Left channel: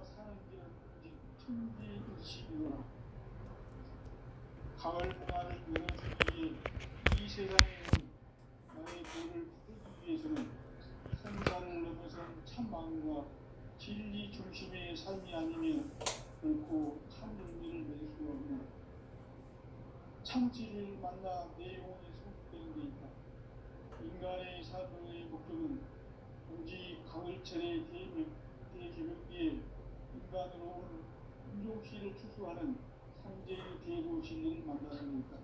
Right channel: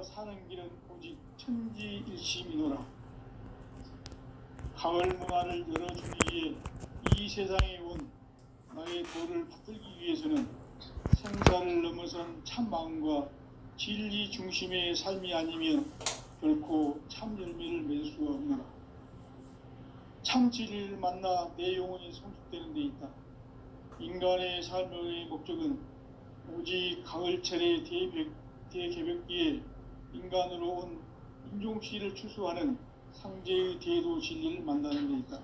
내가 사는 길은 오직 천지일심이노라. 가을 문화를 열어주기 위해 이 세상에 온 나의 도를 붙들기 위해서는 생사를 넘어선 참 마음과 진리 중심의 삶이 아니면 결코 참 열매를 맺을 수가 없노라. 참 진리를 만나 내 영혼이 성숙되는 데 있다. 인간의 삶의 목적은 오직 가을철의 대개벽기에 인간으로 온 인종시를 추수하는 상제의 대도 진리를 만나는 데 있다.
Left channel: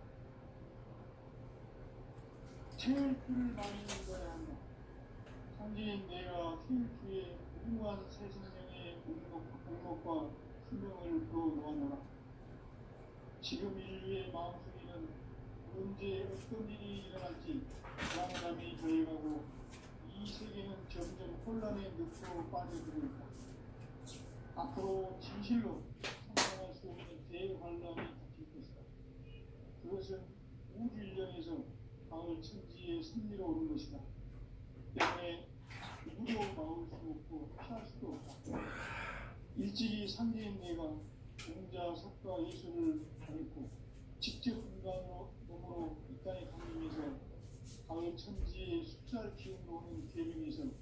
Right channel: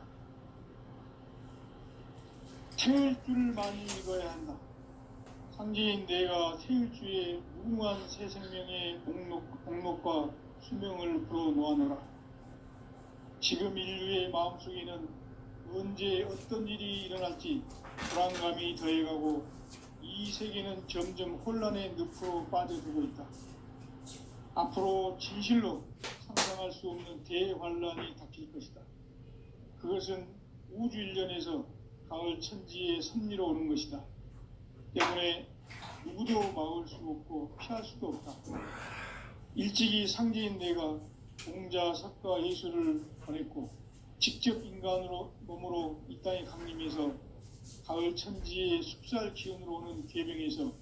태울 줄 많이 읽어야 한다. 상제인 내가 태울 주의 무궁한 새 생명의 목록과 수명을 불어놓아노라. 지금 인류의 마음속에는 언제 어떤 일이 일어날지 불안감이 더해가고 이 세계는 점점 혼란의 늪으로 빠져들고 있다. 앞으로 진실로 상상할 수 없는 대환란이 닥칠 것이다. 그것은 우주 일련에서 가을 천지의 섭리로 오는 것이다. 때문에 누구도 막을 수 없고 피할 수도 없다. 일찍이 상제인 내가 공자, 석가, 예수를 보냈고 직접 인간으로 몸으로 이 땅에 강림해서 가을 천지의 숲살 기운으로 오는 계명에서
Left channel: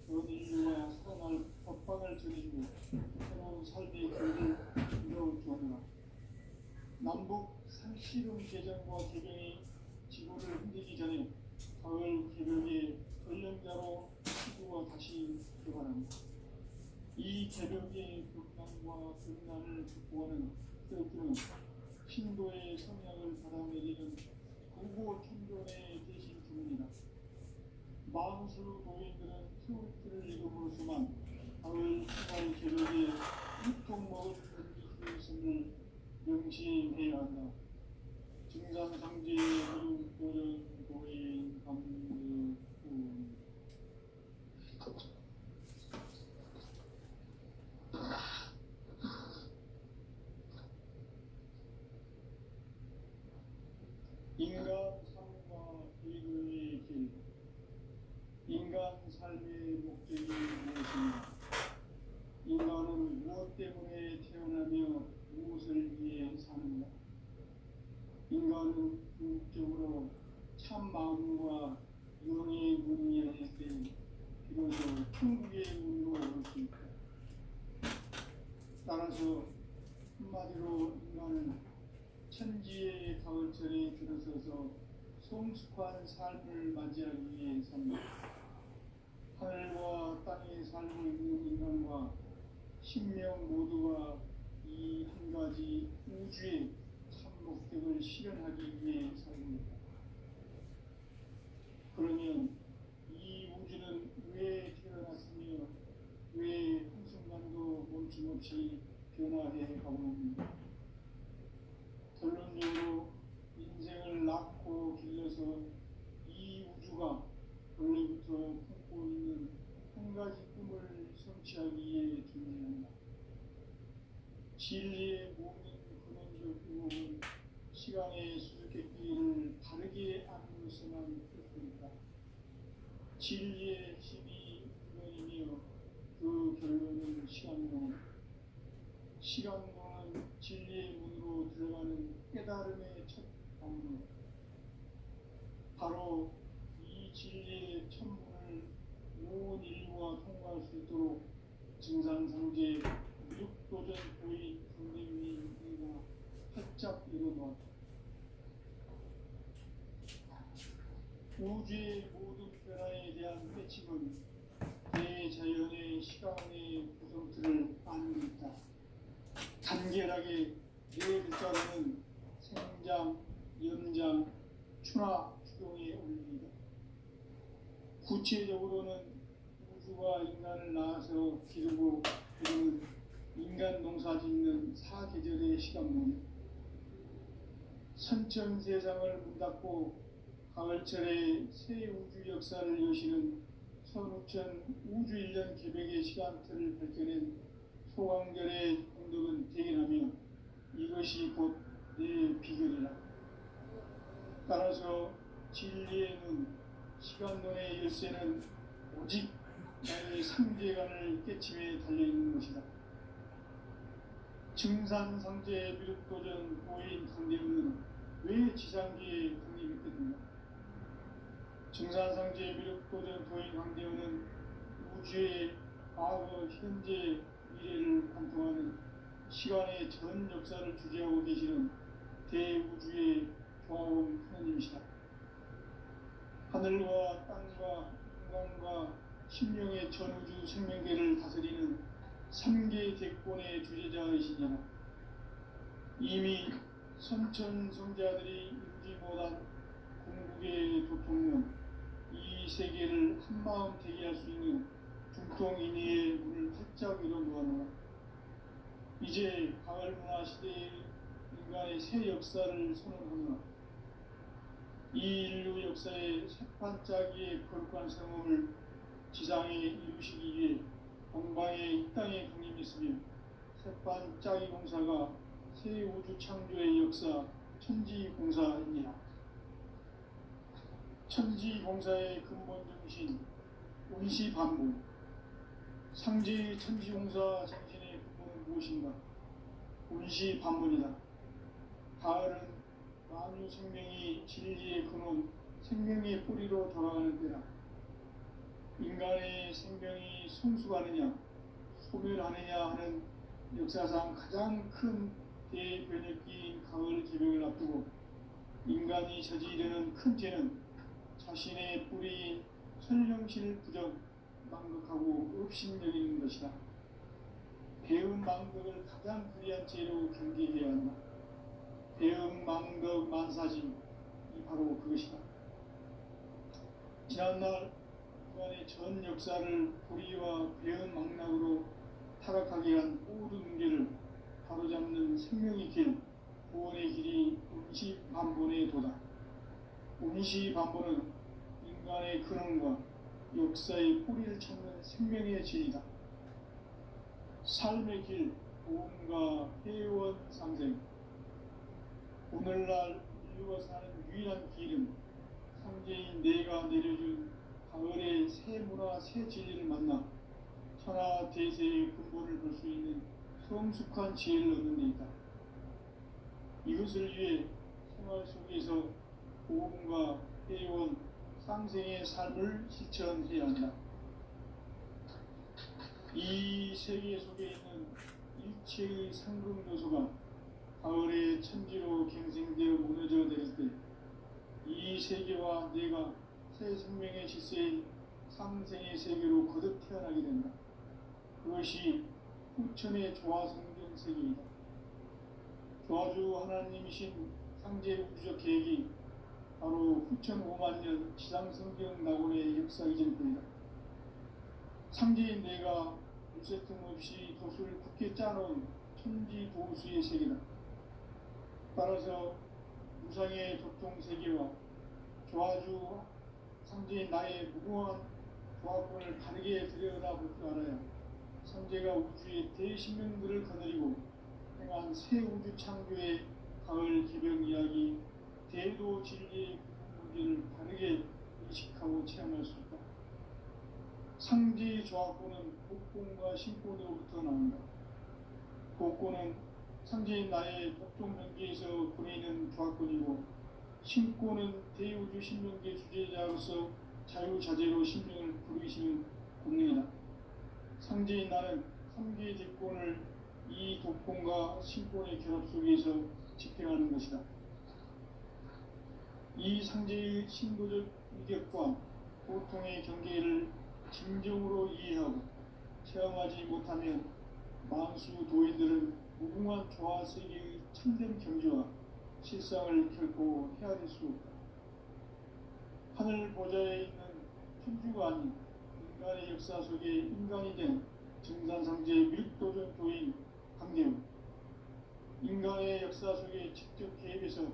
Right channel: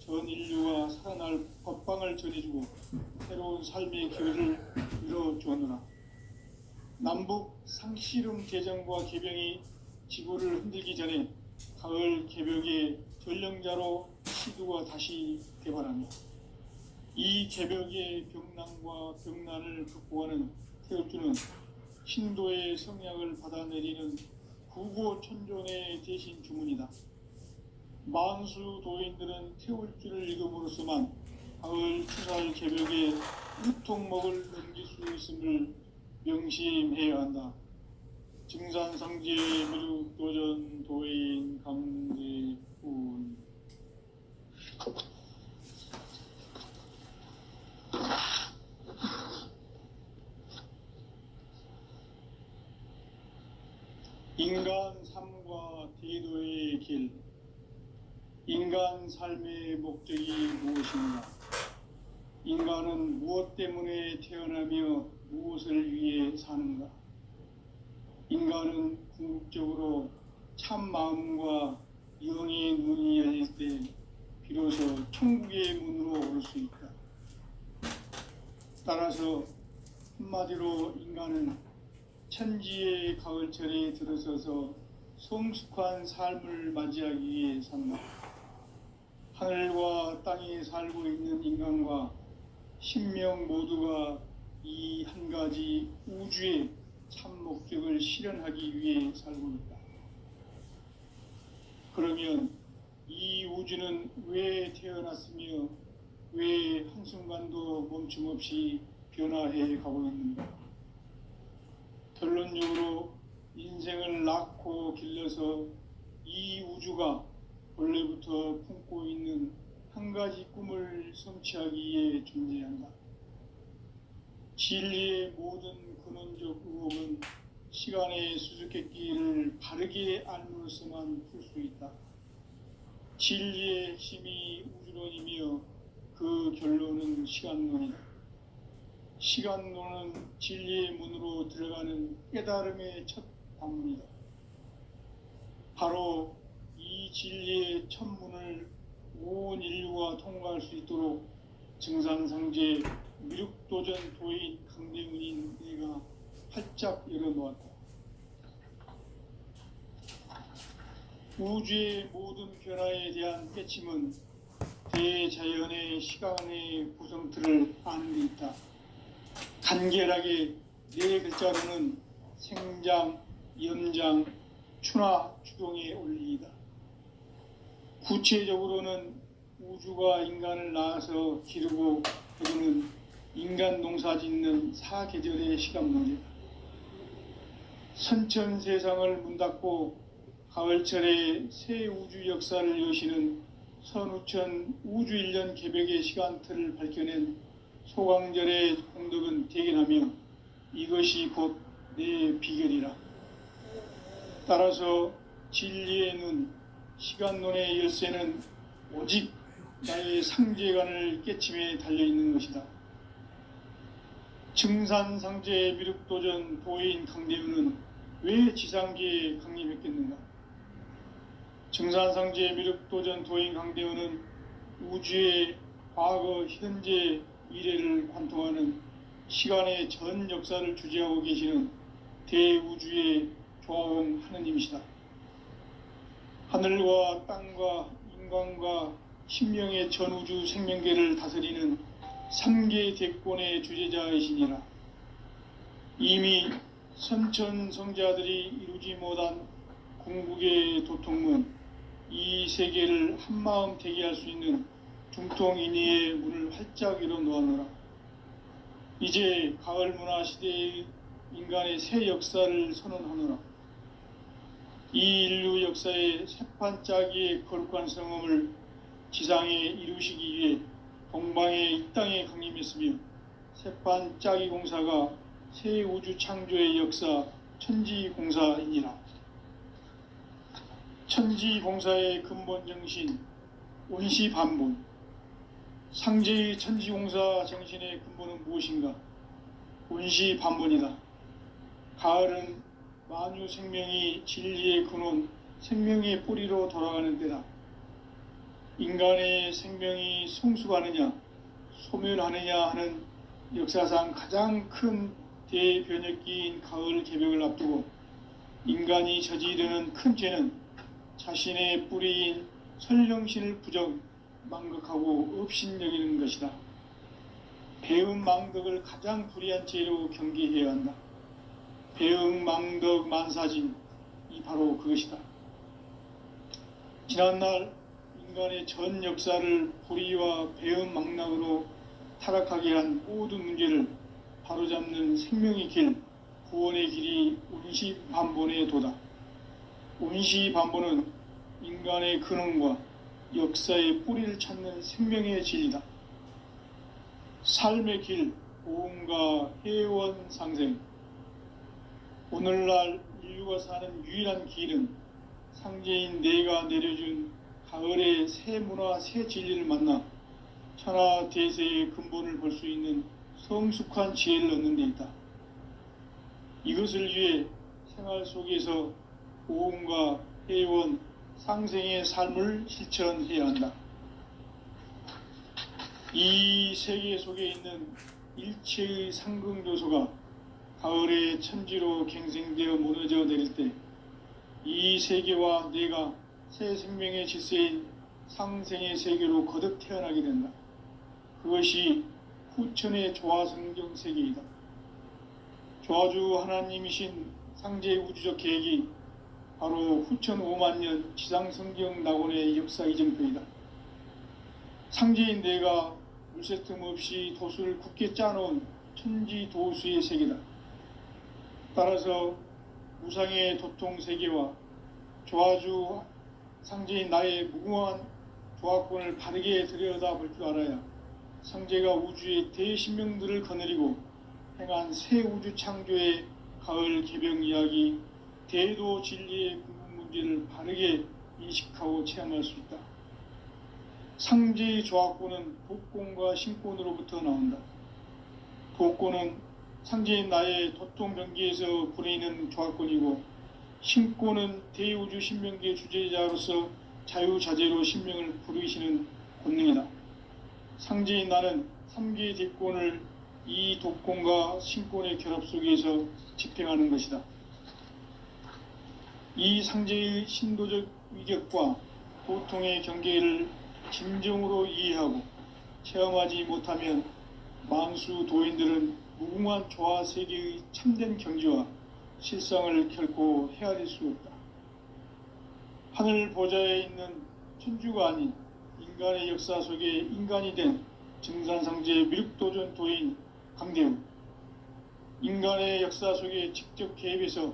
전 인류가 살아날 법방을 전해주고 새로운 삶의 기회를 이뤄주었노라. 남북 상씨름 대전과 개병이 지구를 흔들기 전에 가을 개벽의 전령자로 시두가 다시 개발하며 이 개벽의 병난과 병난을 극복하는 태울주는 신도의 성향을 받아내리는 구고천존의 대신 주문이다. 만수 도인들은 태울주를 읽음으로써만 가을 추살 개벽의 유통목을 넘길 수 있음을 명심해야 한다. 증산상제 무득도전 도인 강제훈. 인간 삶과 대도의 길. 인간 삶의 목적이 무엇인가? 인간은 무엇 때문에 태어나며 무엇을 위해 사는가? 인간은 궁극적으로 참 마음과 영의 눈이 열릴 때 비로소 천국의 문으로 올 수 있다. 따라서 한마디로 인간은 천지의 가을철에 들어서서 성숙한 삶을 맞이하기 위해 산다. 하늘과 땅에 살고 있는 인간과 신명 모두가 이 한 가지 우주의 참 목적을 실현하기 위해 살고 있다. 그러면 이 우주는 왜 태어났으며 왜 한순간도 멈춤 없이 변화해 가고 있는가? 결론적으로 인생을 낳고 길러서 이 우주가 원래부터 품고 있는 한 가지 꿈을 성취하기 위해 존재한다. 진리의 모든 근원적 의혹은 시간의 수수께끼를 바르게 알므로서만 풀 수 있다. 진리의 핵심이 우주론이며 그 결론은 시간론이다. 시간론은 진리의 문으로 들어가는 깨달음의 첫 방문이다. 바로 이 진리의 첫 문을 온 인류가 통과할 수 있도록 증산상제 미륵도전 도인 강대문인 내가 활짝 열어놓았다. 우주의 모든 변화에 대한 깨침은 대자연의 시간의 구성틀을 아는 데 있다. 간결하게 네 글자로는 생장, 연장, 추나 추동의 원리이다. 구체적으로는 우주가 인간을 낳아서 기르고 거두는 인간 농사 짓는 사계절의 시간론이다. 선천 세상을 문 닫고 가을철에 새 우주 역사를 여시는 선우천 우주일년 개벽의 시간틀을 밝혀낸 소강절의 공덕은 대견하며 이것이 곧 내 비결이라. 따라서 진리의 눈, 시간론의 열쇠는 오직 나의 상제관을 깨침에 달려있는 것이다. 증산상제 미륵도전 도인 강대우는 왜 지상계에 강림했겠는가? 증산상제 미륵도전 도인 강대우는 우주의 과거, 현재, 미래를 관통하는 시간의 전 역사를 주재하고 계시는 대우주의 조화원 하느님이시다. 하늘과 땅과 인간과 신명의 전우주 생명계를 다스리는 3계 대권의 주재자이시니라. 이미 선천성자들이 이루지 못한 궁극의 도통문, 이 세계를 한마음 되게 할 수 있는 중통인의의 문을 활짝 열어놓았노라. 이제 가을 문화 시대의 인간의 새 역사를 선언하노라. 이 인류 역사의 새판짜기의 거룩한 성험을 지상에 이루시기 위해 동방의 이 땅에 강림했으며, 새판짜기 공사가 새 우주 창조의 역사 천지공사이니라. 천지공사의 근본 정신 원시반본, 상제의 천지공사 정신의 근본은 무엇인가? 원시반본이다. 가을은 만유 생명이 진리의 근원, 생명의 뿌리로 돌아가는 때다. 인간의 생명이 성숙하느냐 소멸하느냐 하는 역사상 가장 큰 대변혁기인 가을 개벽을 앞두고 인간이 저지르는 큰 죄는 자신의 뿌리인 설령신을 부정 망각하고 업신여기는 것이다. 배음 망덕을 가장 불의한 죄로 경계해야 한다. 배음 망덕 만사진이 바로 그것이다. 지난날 인간의 전 역사를 불의와 배음 망락으로 타락하게 한 모든 문제를 바로잡는 생명의 길, 구원의 길이 원시반본의 도다. 원시반본은 인간의 근원과 역사의 뿌리를 찾는 생명의 진리다. 삶의 길, 보험과 회원 상생. 오늘날 인류가 사는 유일한 길은 상제인 내가 내려준 가을의 새 문화, 새 진리를 만나 천하 대세의 근본을 볼 수 있는 성숙한 지혜를 얻는 데 있다. 이것을 위해 생활 속에서 보험과 회원, 상생의 삶을 실천해야 한다. 이 세계 속에 있는 일체의 상승요소가 가을의 천지로 갱생되어 무너져 내릴 때 이 세계와 내가 새 생명의 질서인 상생의 세계로 거듭 태어나게 된다. 그것이 후천의 조화성경 세계이다. 조화주 하나님이신 상제의 우주적 계획이 바로 후천 5만 년 지상성경 낙원의 역사 이정표이다. 상제인 내가 물새 틈 없이 도수를 굳게 짜놓은 천지도수의 세계다. 따라서 무상의 도통 세계와 조화주 상제인 나의 무궁한 조화권을 바르게 들여다볼 줄 알아야 상제가 우주의 대신명들을 거느리고 행한 새 우주 창조의 가을 개벽 이야기, 대도 진리의 구분 문제를 바르게 인식하고 체험할 수 있다. 상제의 조화권은 복권과 신권으로부터 나온다. 복권은 상제인 나의 도통병기에서 부리는 조화권이고, 신권은 대우주 신명계 주제자로서 자유자재로 신명을 부르시는 권능이다. 상제인 나는 3계 대권을 이 도권과 신권의 결합 속에서 집행하는 것이다. 이 상제의 신도적 위격과 도통의 경계를 진정으로 이해하고 체험하지 못하면 만수 도인들은 무궁한 조화 세계의 참된 경지와 실상을 결코 헤아릴 수 없다. 하늘 보좌에 있는 천주가 아닌 인간의 역사 속에 인간이 된 증산상제 미륵도전 도인 강대우, 인간의 역사 속에 직접 개입해서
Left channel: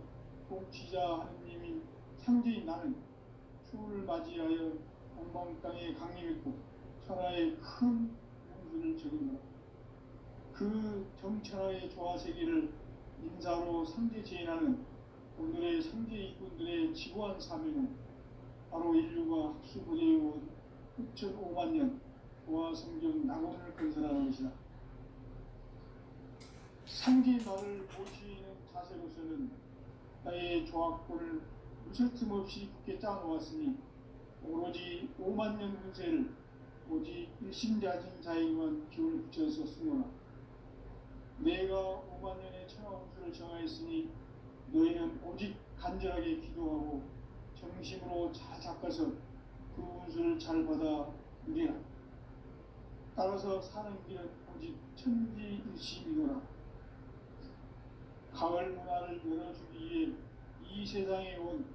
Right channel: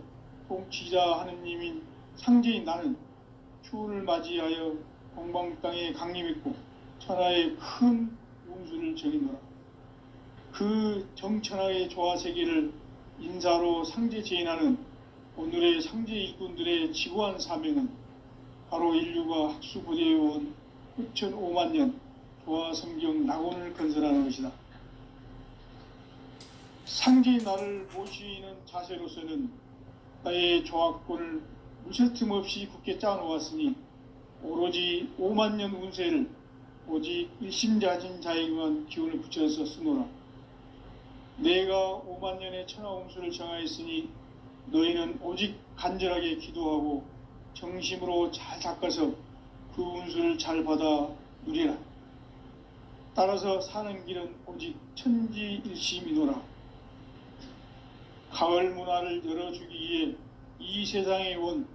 통치자 하느님인 상제인 나는 추운을 맞이하여 동방 땅에 강림했고 천하의 큰 운수를 전인노라. 그 정천하의 조화 세계를 인사로 상제 제인하는 오늘의 상제 일꾼들의 지구한 사명은 바로 인류가 학수부대해온 후천 5만 년 조화 성경 낙원을 건설하는 것이다. 상계의 나를 모시는 자세로서는 나의 조합권을 무쇠틈 없이 굳게 짜놓았으니 오로지 5만 년 운세를 오직 일심자진 자에게만 기운을 붙여서 쓰노라. 내가 5만 년의 천하운수를 정하였으니 너희는 오직 간절하게 기도하고 정심으로 잘 닦아서 그 운수를 잘 받아 누리라. 따라서 사는 길은 오직 천지일심이노라. 가을 문화를 열어주기 위해 이 세상에 온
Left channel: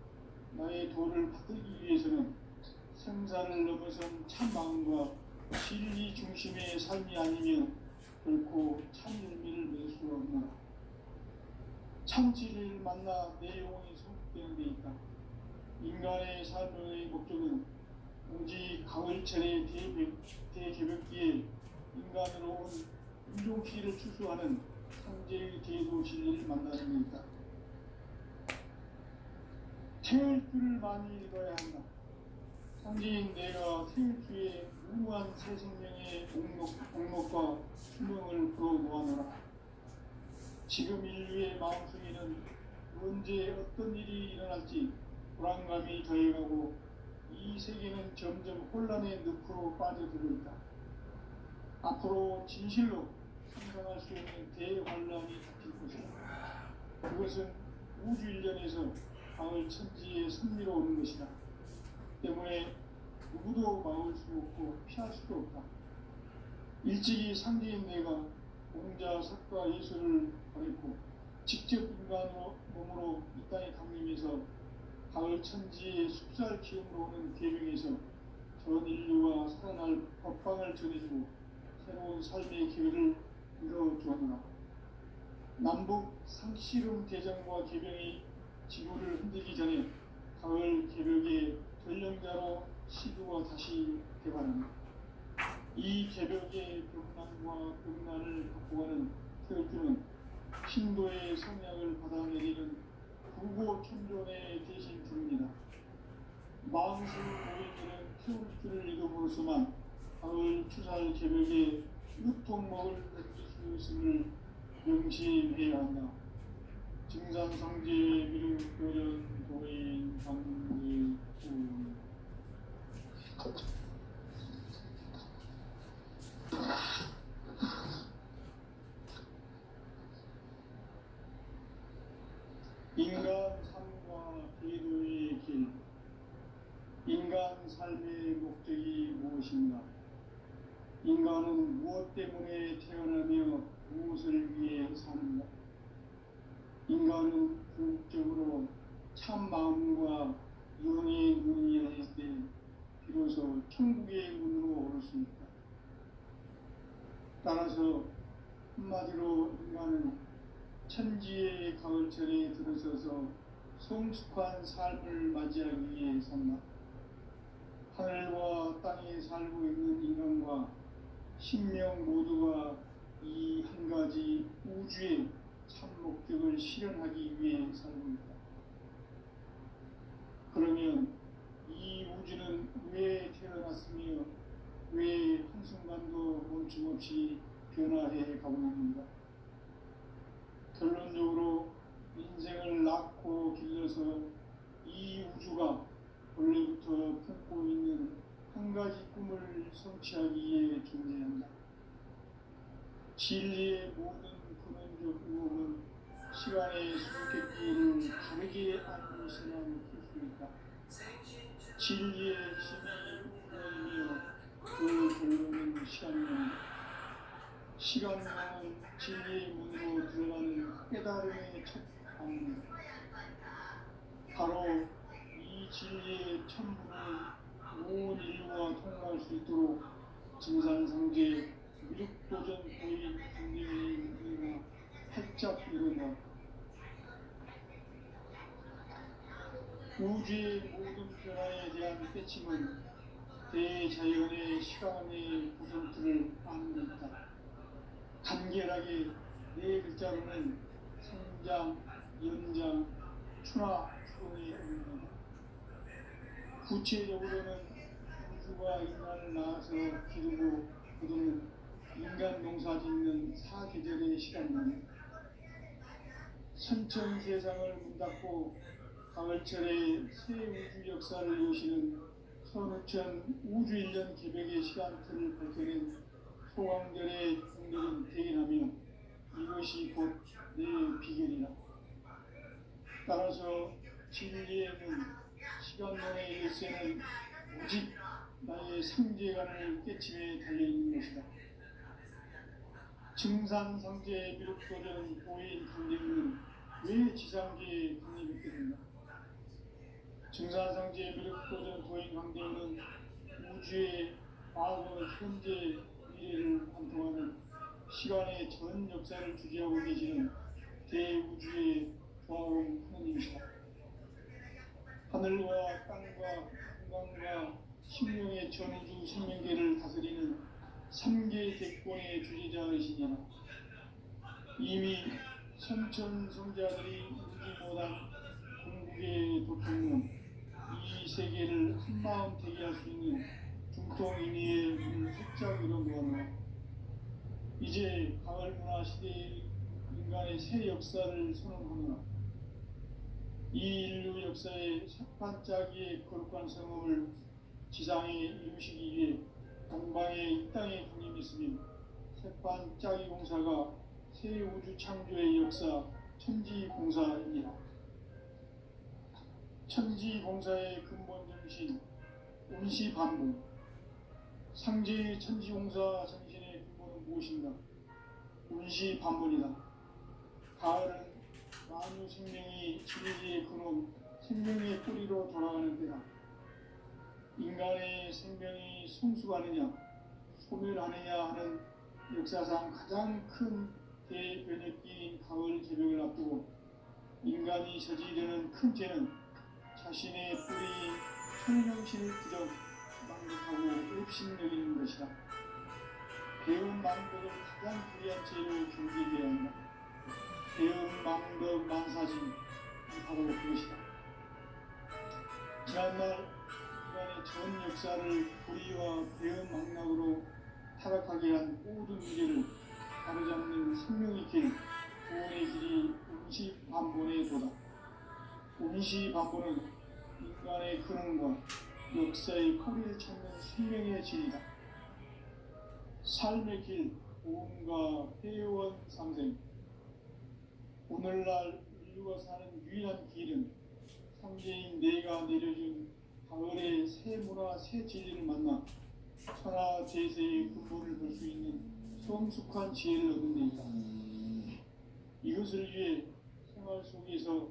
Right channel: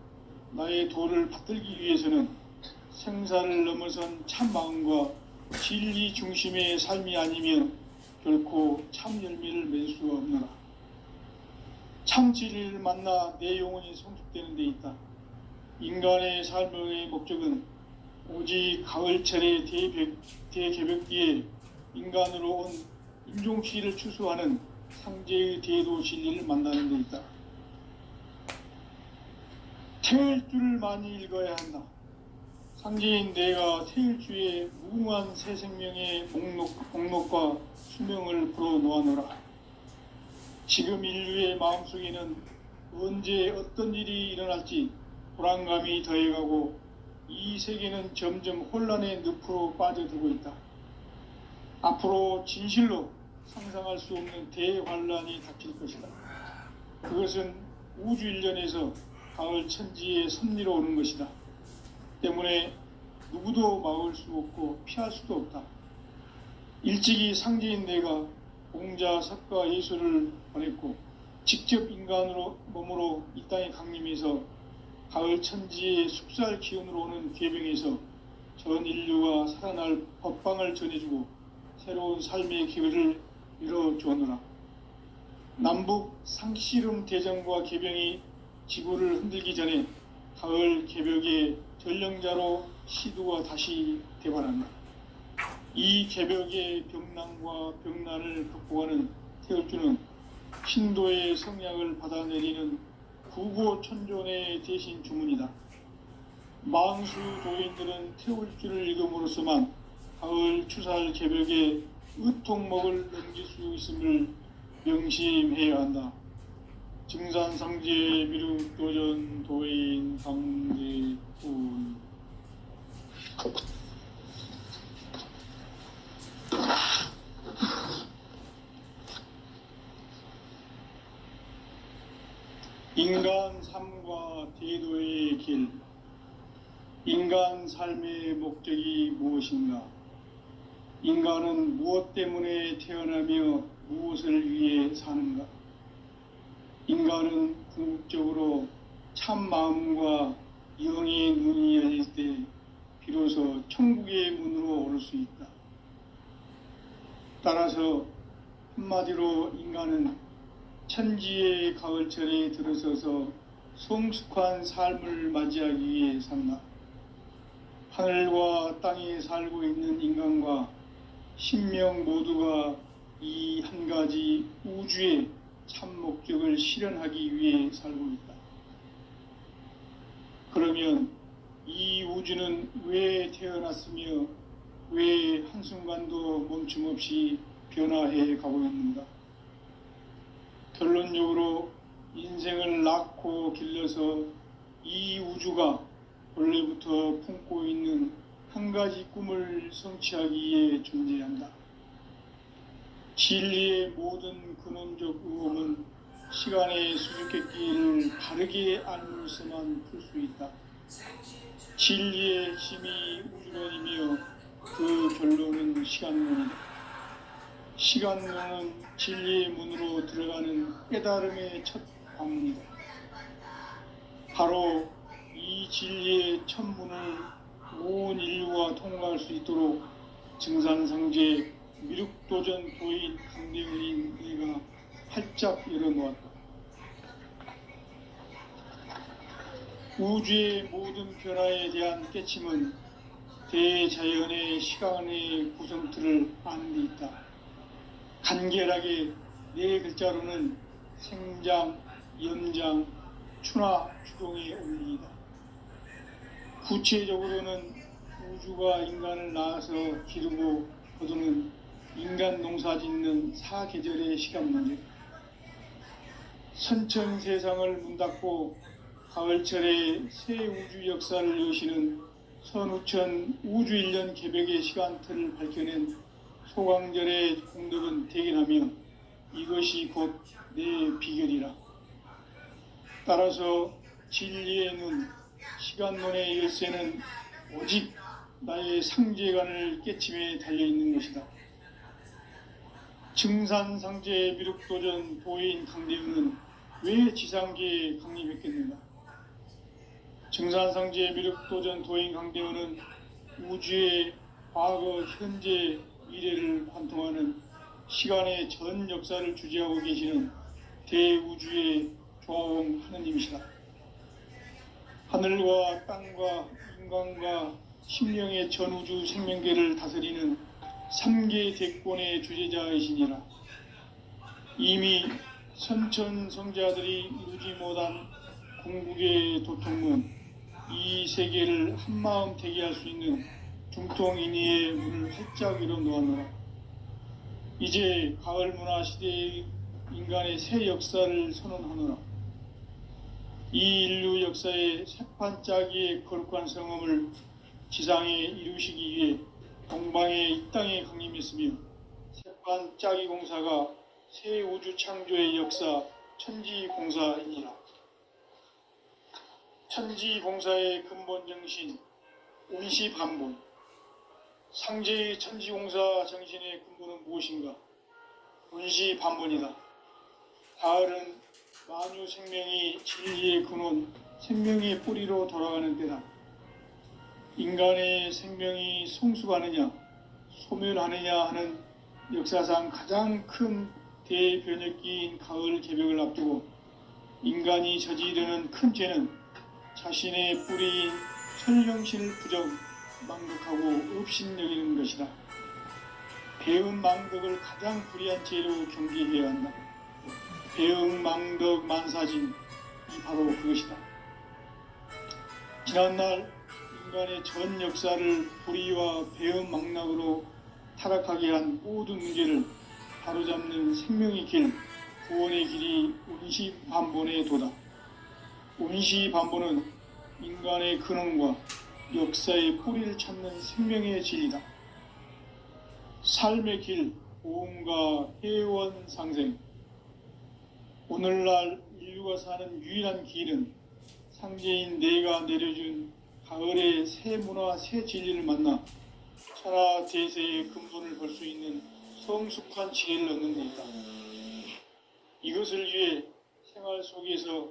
나의 도를 받들기 위해서는 생사를 넘어선 참 마음과 진리 중심의 삶이 아니면 결코 참 열매를 맺을 수가 없노라. 참 진리를 만나 내 영혼이 성숙되는 데 있다. 인간의 삶의 목적은 오직 가을철의 대개벽기에 인간으로 온 인종시를 추수하는 상제의 대도 진리를 만나는 데 있다. 태일주를 많이 읽어야 한다. 상제인 내가 태일주의 무궁한 새 생명의 목록과 수명을 불어놓아노라. 지금 인류의 마음속에는 언제 어떤 일이 일어날지 불안감이 더해가고 이 세계는 점점 혼란의 늪으로 빠져들고 있다. 앞으로 진실로 상상할 수 없는 대환란이 닥칠 것이다. 그것은 우주 일련에서 가을 천지의 섭리로 오는 것이다. 때문에 누구도 막을 수 없고 피할 수도 없다. 일찍이 상제인 내가 공자, 석가, 예수를 보냈고 직접 인간으로 몸으로 이 땅에 강림해서 가을 천지의 숲살 기운으로 오는 계병에서 전 인류가 살아날 법방을 전해주고 새로운 삶의 기회를 밀어주었노라. 남북 상씨름 대전과 계병이 지구를 흔들기 전에 가을 개벽의 전령자로 시두가 다시 개발한다. 이 개벽의 병난과 병난을 극복하는 태울주는 신도의 성약을 받아내리는 구고천존의 대신 주문이다. 만수 도인들은 태울주를 읽음으로써만 가을 추살 개벽의 의통목을 넘길 수 있음을 명심해야 한다. 증산상제 미륵도전 도인 상제군. 인간 삶과 대도의 길. 인간 삶의 목적이 무엇인가? 인간은 무엇 때문에 태어나며 무엇을 위해 사는가? 인간은 궁극적으로 참 마음과 영의 눈이 열릴 때 비로소 천국의 문으로 오를 수 있다. 따라서 한마디로 인간은 천지의 가을철에 들어서서 성숙한 삶을 맞이하기 위해 산다. 하늘과 땅에 살고 있는 인간과 신명 모두가 이 한 가지 우주의 참 목적을 실현하기 위해 살고 있다. 그러면 이 우주는 왜 태어났으며 왜 한순간도 멈춤없이 변화해 가고 있는가? 결론적으로 인생을 낳고 길러서 이 우주가 원래부터 품고 있는 한 가지 꿈을 성취하기 위해 존재한다. 진리의 모든 근원적 의혹은 시간의 수수께끼를 바르게 알면서만 풀 수 있다. 진리의 힘이 우주론이며 그 결론은 시간론이다. 시간론은 진리의 문으로 들어가는 깨달음의 첫 방문이다. 바로 이 진리의 첫 문을 온 인류가 통과할 수 있도록 증산상제 미륵도전 도인 강대현인 내가 활짝 열어놓았다. 우주의 모든 변화에 대한 깨침은 대자연의 시간의 구성틀을 아는 데 있다. 간결하게 네 글자로는 생장, 연장, 추나 추동의 원리이다. 구체적으로는 우주가 인간을 낳아서 기르고 거두는 인간 농사 짓는 사계절의 시간론이다. 선천 세상을 문닫고 가을철에 새 우주 역사를 여시는 선우천 우주일년 개벽의 시간틀을 밝혀낸 소강절의 공덕은 대견하며 이것이 곧 내 비결이라. 따라서 진리의 눈, 시간론의 열쇠는 오직 나의 상제관을 깨침에 달려있는 것이다. 증산상제 미륵도전 도인 강대우는 왜 지상계에 강림했겠는가? 증산상제 미륵도전 도인 강대우는 우주의 과거, 현재, 미래를 관통하는 시간의 전 역사를 주재하고 계시는 대우주의 조화원 하느님이시다. 하늘과 땅과 인간과 심령의 전우주 생명계를 다스리는 3계 대권의 주재자이시니라. 이미 선천성자들이 이루지 못한 궁극의 도통문, 이 세계를 한마음 되게 할 수 있는 중통인의의 문을 활짝 열어 놓았노라. 이제 가을 문화 시대의 인간의 새 역사를 선언하노라. 이 인류 역사의 새판짜기의 거룩한 성음을 지상에 이루시기 위해 동방의 이 땅에 강림했으며 새판짜기 공사가 새 우주 창조의 역사 천지공사이니라. 천지공사의 근본 정신 운시반본. 상제의 천지공사 정신의 근본은 무엇인가? 운시반본이다. 가을은 만유 생명이 진리의 근원, 생명의 뿌리로 돌아가는 때다. 인간의 생명이 성숙하느냐, 소멸하느냐 하는 역사상 가장 큰 대변혁기인 가을 개벽을 앞두고 인간이 저지르는 큰 죄는 자신의 뿌리인 설명신을 부정, 망덕하고 업신여기는 것이다. 배은 망덕을 가장 불의한 죄로 경계해야 한다. 배은 망덕 만사진이 바로 그것이다. 지난날 인간의 전 역사를 불의와 배은 망락으로 타락하게 한 모든 문제를 바로잡는 생명의 길, 구원의 길이 운시반본의 도다. 운시반본은 인간의 근원과 역사의 뿌리를 찾는 생명의 진리다. 삶의 길, 보험과 회원 상생. 오늘날 인류가 사는 유일한 길은 상제인 내가 내려준 가을의 새 문화, 새 진리를 만나 천하 대세의 근본을 볼 수 있는 성숙한 지혜를 얻는 데이다. 이것을 위해 생활 속에서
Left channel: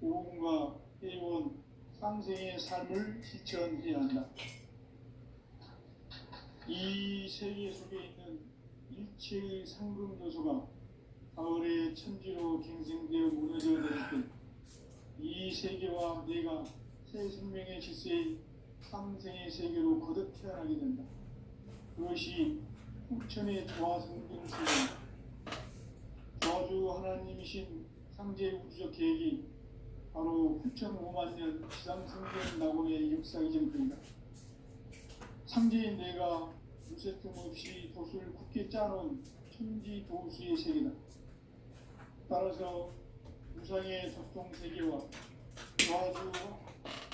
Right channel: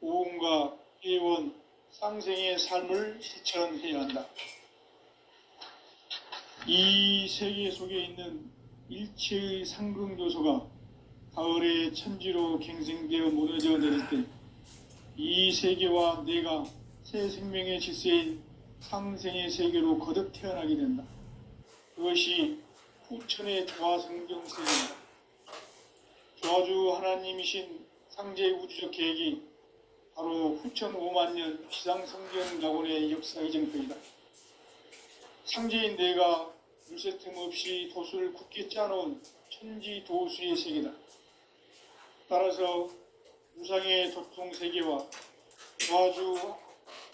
보험과 회원, 상생의 삶을 실천해야 한다. 이 세계 속에 있는 일체의 상극 요소가 가을의 천지로 갱생되어 무너져 내릴 때 이 세계와 내가 새 생명의 질서인 상생의 세계로 거듭 태어나게 된다. 그것이 후천의 조화성경세이다. 조화주 하나님이신 상제 우주적 계획이 바로 후천 5만 년 지상성경 낙원의 역사의 정표이다. 상제인 내가 물새 틈 없이 도수를 굳게 짜놓은 천지 도수의 세계다. 따라서 우상의 도통 세계와 조화주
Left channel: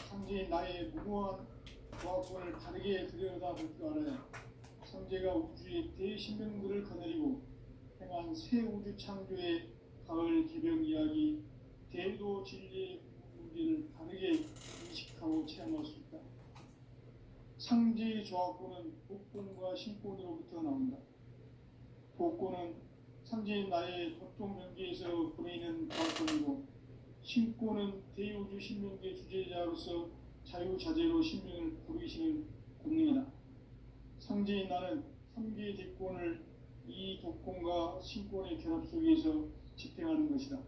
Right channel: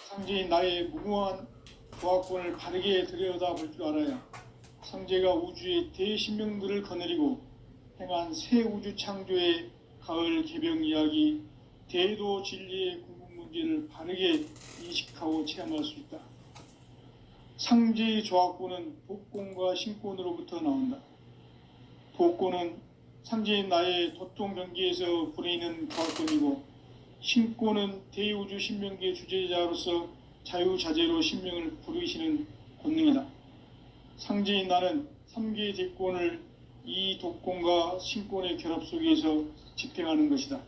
상제인 나의 무궁한 조화권을 바르게 들여다볼 줄 알아야 상제가 우주의 대신명들을 거느리고 행한 새 우주 창조의 가을 개벽 이야기, 대도 진리의 궁극 문제를 바르게 인식하고 체험할 수 있다. 상제의 조화권은 복권과 신권으로부터 나온다. 복권은 상제인 나의 도통 경계에서 부리는 조화권이고, 신권은 대우주 신명계 주제자로서 자유자재로 신명을 부르시는 권능이다. 상제인 나는 3개의 대권을 이 독권과 신권의 결합 속에서 집행하는 것이다.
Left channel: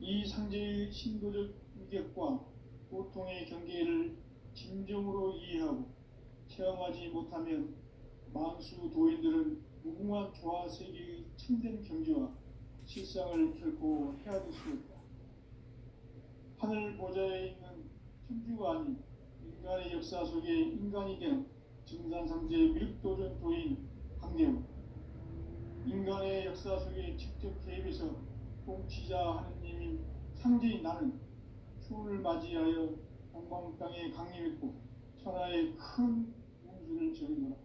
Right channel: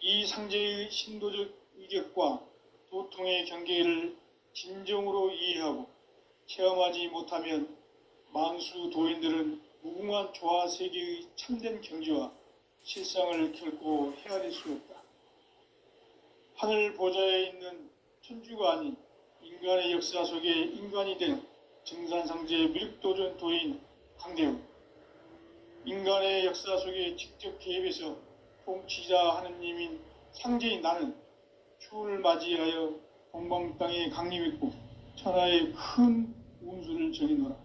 이 상제의 신도적 위격과 도통의 경계를 진정으로 이해하고 체험하지 못하면 만수 도인들은 무궁한 조화 세계의 참된 경지와 실상을 결코 헤아릴 수 없다. 하늘 보좌에 있는 천주가 아닌 인간의 역사 속에 인간이 된 증산상제 미륵도전 도인 강대우. 인간의 역사 속에 직접 개입해서 통치자 하느님인 상제인 나는 추을 맞이하여 동방 땅에 강림했고 천하의 큰 운수를 정해노라.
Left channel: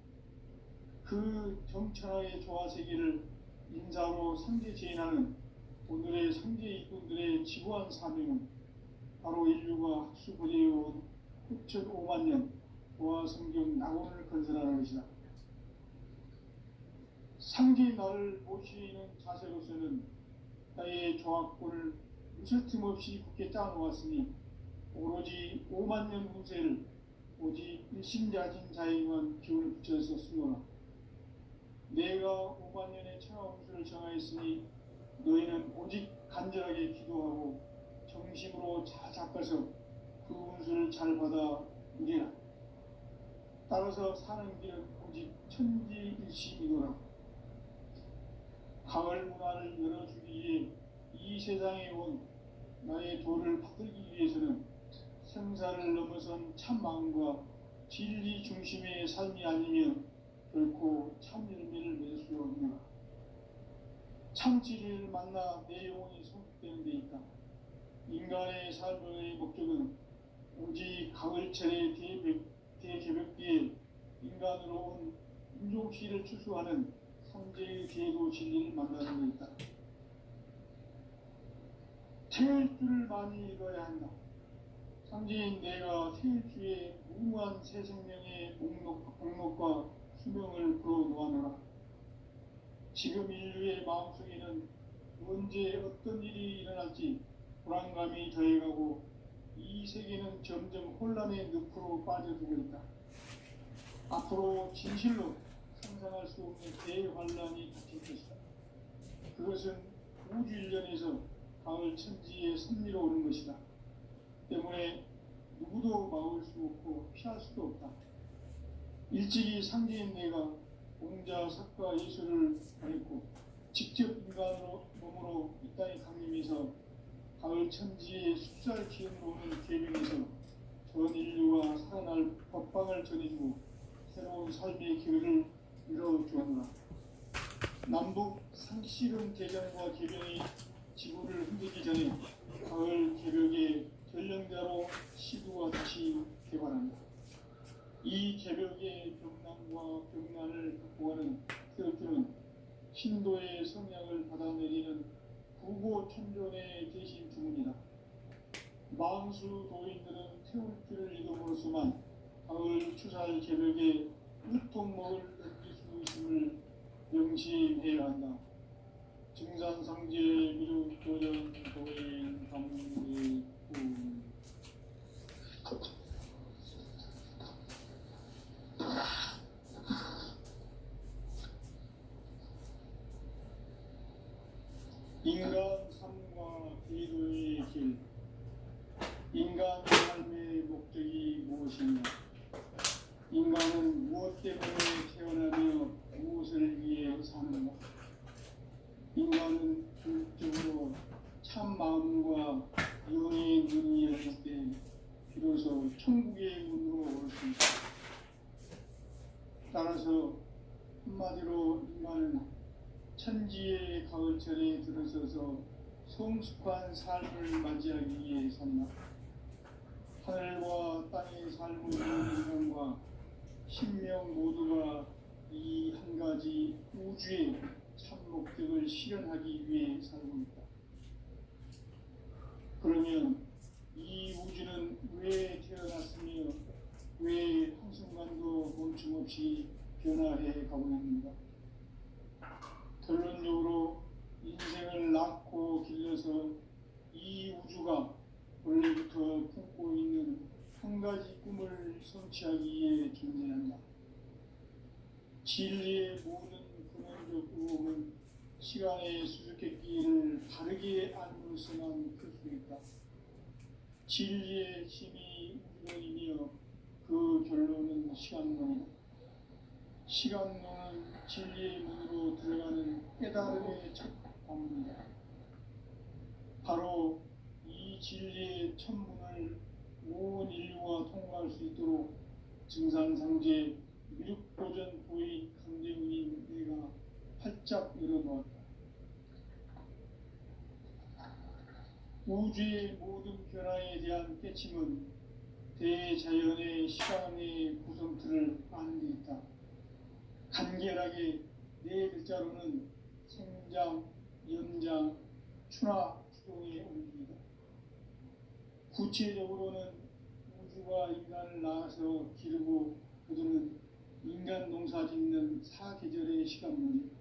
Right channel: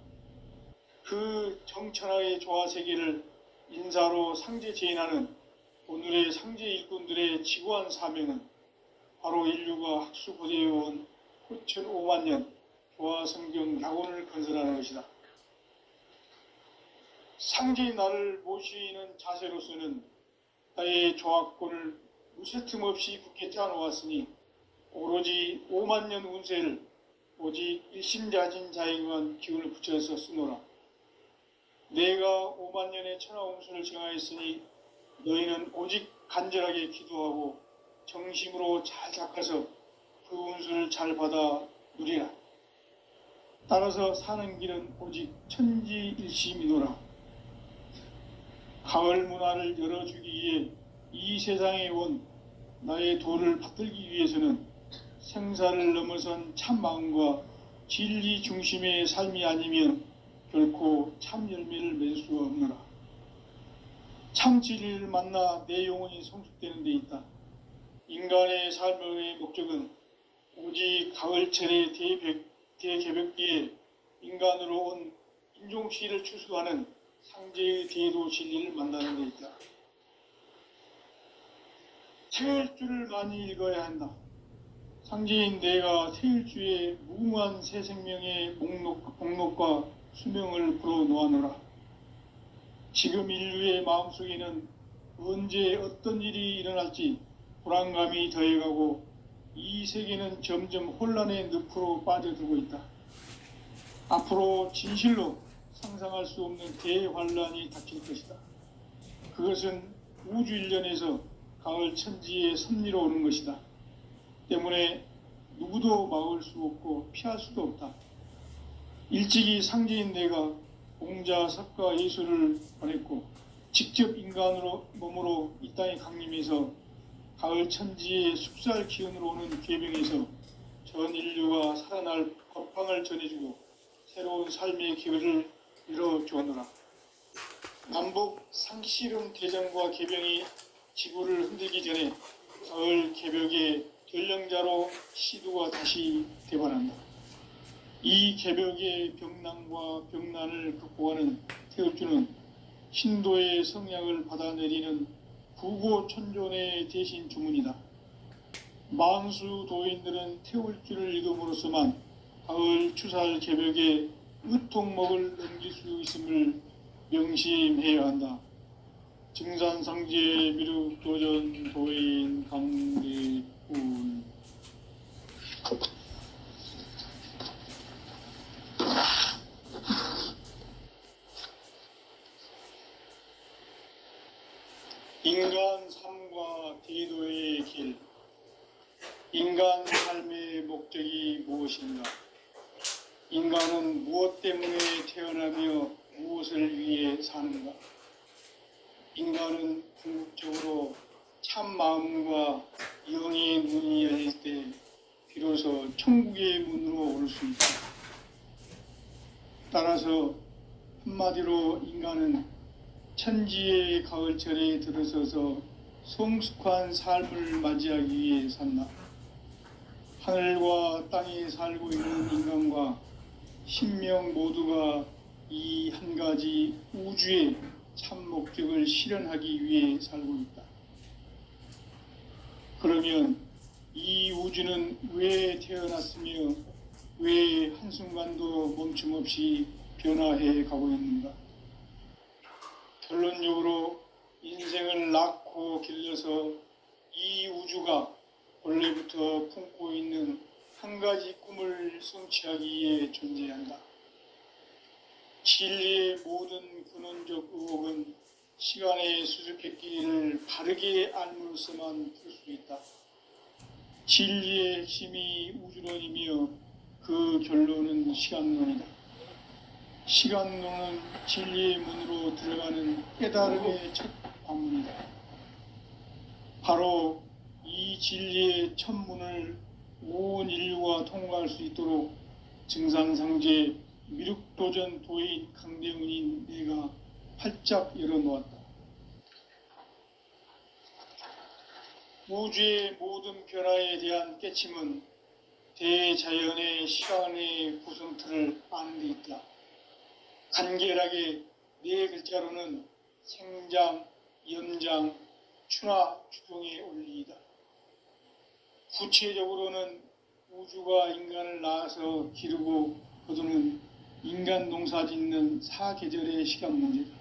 그 정천하의 조화세계를 인사로 상제 제인하는 오늘의 상제 일꾼들의 지구한 사명은 바로 인류가 학수고대해온 후천 5만 년 조화성경 낙원을 건설하는 것이다. 상제인 나를 모시는 자세로서는 나의 조합권을 무쇠틈 없이 굳게 짜놓았으니 오로지 5만 년 운세를 오직 일심자진 자에게만 기운을 붙여서 쓰노라. 내가 5만 년의 천하 운수를 정하였으니 너희는 오직 간절하게 기도하고 정심으로 잘 닦아서 그 운수를 잘 받아 누리라. 따라서 사는 길은 오직 천지일심이노라. 가을 문화를 열어주기 위해 이 세상에 온 나의 도를 받들기 위해서는 생사를 넘어선 참 마음과 진리 중심의 삶이 아니면 결코 참 열매를 맺을 수 없노라. 참 진리를 만나 내 영혼이 성숙되는 데 있다. 인간의 삶의 목적은 오직 가을철의 대개벽기에 인간으로 온 인종시를 추수하는 상제의 대도 진리를 만나는 데 있다. 태일주를 많이 읽어야 한다. 상제인 내가 태일주의 무모한 새 생명의 목록과 수명을 불어놓아노라. 지금 인류의 마음속에는 언제 어떤 일이 일어날지 불안감이 더해가고 이 세계는 점점 혼란의 늪으로 빠져들고 있다. 앞으로 진실로 상상할 수 없는 대환란이 닥칠 것이다. 그것은 우주 일련에서 가을 천지의 섭리로 오는 것이다. 때문에 누구도 막을 수 없고 피할 수도 없다. 일찍이 상제인 내가 공자, 석가, 예수를 보냈고 직접 인간으로 몸으로 이 땅에 강림해서 가을 천지의 숲살 기운으로 오는 계명에서 전 인류가 살아날 법방을 전해주고 새로운 삶의 기회를 열어주었노라. 남북 상씨름 대전과 개병이 지구를 흔들기 전에 가을 개벽의 전령자로 시두가 다시 대발한다. 이 개벽의 병난과 병난을 극복하는 태울주는 신도의 성향을 받아내리는 구고천존의 대신 주문이다. 만수 도인들은 태울주를 읽음으로써만 가을 추살 개벽의 으통목을 넘길 수 있음을 명심해야 한다. 증산상제 미륵도전 도인 감리꾼. 인간 삶과 대도의 길. 인간 삶의 목적이 무엇인가? 인간은 무엇 때문에 태어나며 무엇을 위해 사는가? 인간은 궁극적으로 참 마음과 영의 눈이 열릴 때 비로소 천국의 문으로 올 수 있다. 따라서 한마디로 인간은 천지의 가을철에 들어서서 성숙한 삶을 맞이하기 위해 산다. 하늘과 땅에 살고 있는 인간과 신명 모두가 이 한 가지 우주의 참 목적을 실현하기 위해 살고 있다. 그러면 이 우주는 왜 태어났으며 왜 한순간도 멈춤없이 변화해 가고 있는가? 결론적으로 인생을 낳고 길러서 이 우주가 원래부터 품고 있는 한 가지 꿈을 성취하기 위해 존재한다. 진리의 모든 근원적 의혹은 시간의 수수께끼를 바르게 알므로서만 풀 수 있다. 진리의 핵심이 우주론이며 그 결론은 시간론이다. 시간론은 진리의 문으로 들어가는 깨달음의 첫 관문이다. 바로 이 진리의 첫 문을 온 인류가 통과할 수 있도록 증산상제 미륵도전 도인 강대훈인 내가 활짝 열어놓았다. 우주의 모든 변화에 대한 깨침은 대자연의 시간의 구성틀을 아는 데 있다. 간결하게 네 글자로는 생장, 연장, 추나 추동의 원리이다. 구체적으로는 우주가 인간을 낳아서 기르고 거두는 인간 농사 짓는 사계절의 시간 문제다.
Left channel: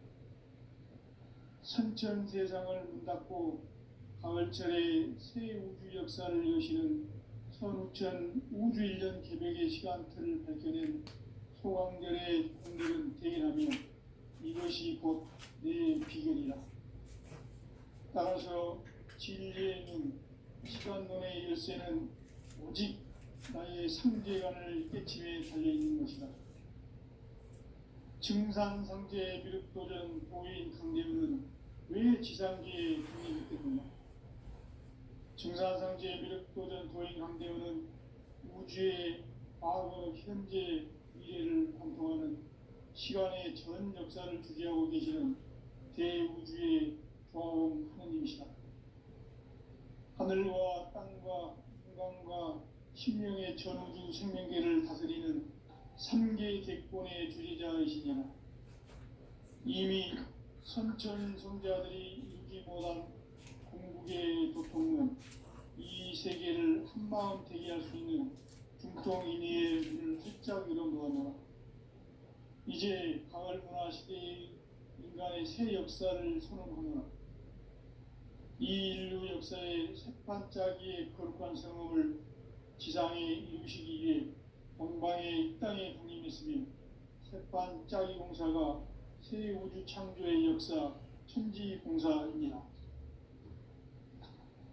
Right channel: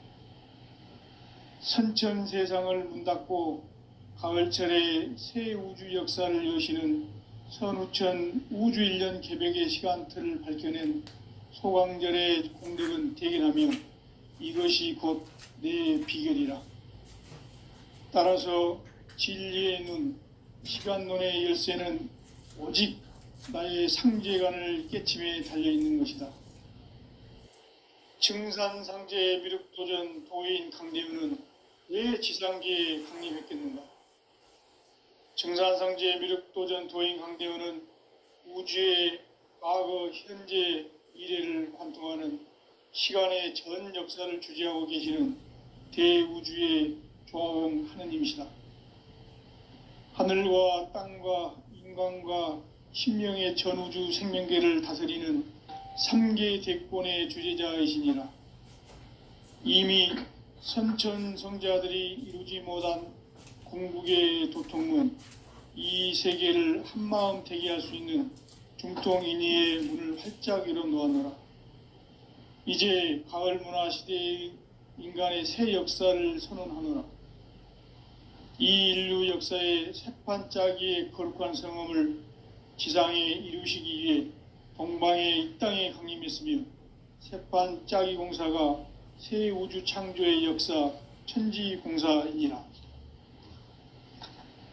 선천 세상을 문 닫고 가을철에 새 우주 역사를 여시는 선우천 우주 1년 개벽의 시간틀을 밝혀낸 소강절의 공덕은 대견하며 이것이 곧 내 비결이라. 따라서 진리의 눈, 시간론의 열쇠는 오직 나의 상제관을 깨침에 달려있는 것이다. 증산상제 미륵도전 도인 강대우는 왜 지상계에 강림했겠는가? 증산상제 미륵도전 도인 강대우는 우주의 과거, 현재, 미래를 관통하는 시간의 전 역사를 주재하고 계시는 대우주의 조화원 하느님이시다. 하늘과 땅과 인간과 신명의 전우주 생명계를 다스리는 3계 대권의 주재자이시니라. 이미 선천성자들이 이루지 못한 궁극의 도통문, 이 세계를 한마음 되게 할 수 있는 중통인의의 문을 활짝 열어놓았노라. 이제 가을 문화 시대의 인간의 새 역사를 선언하노라. 이 인류 역사의 새판짜기의 거룩한 성험을 지상에 이루시기 위해 동방의 이 땅에 강림했으며 새판짜기 공사가 새 우주 창조의 역사 천지공사이니라.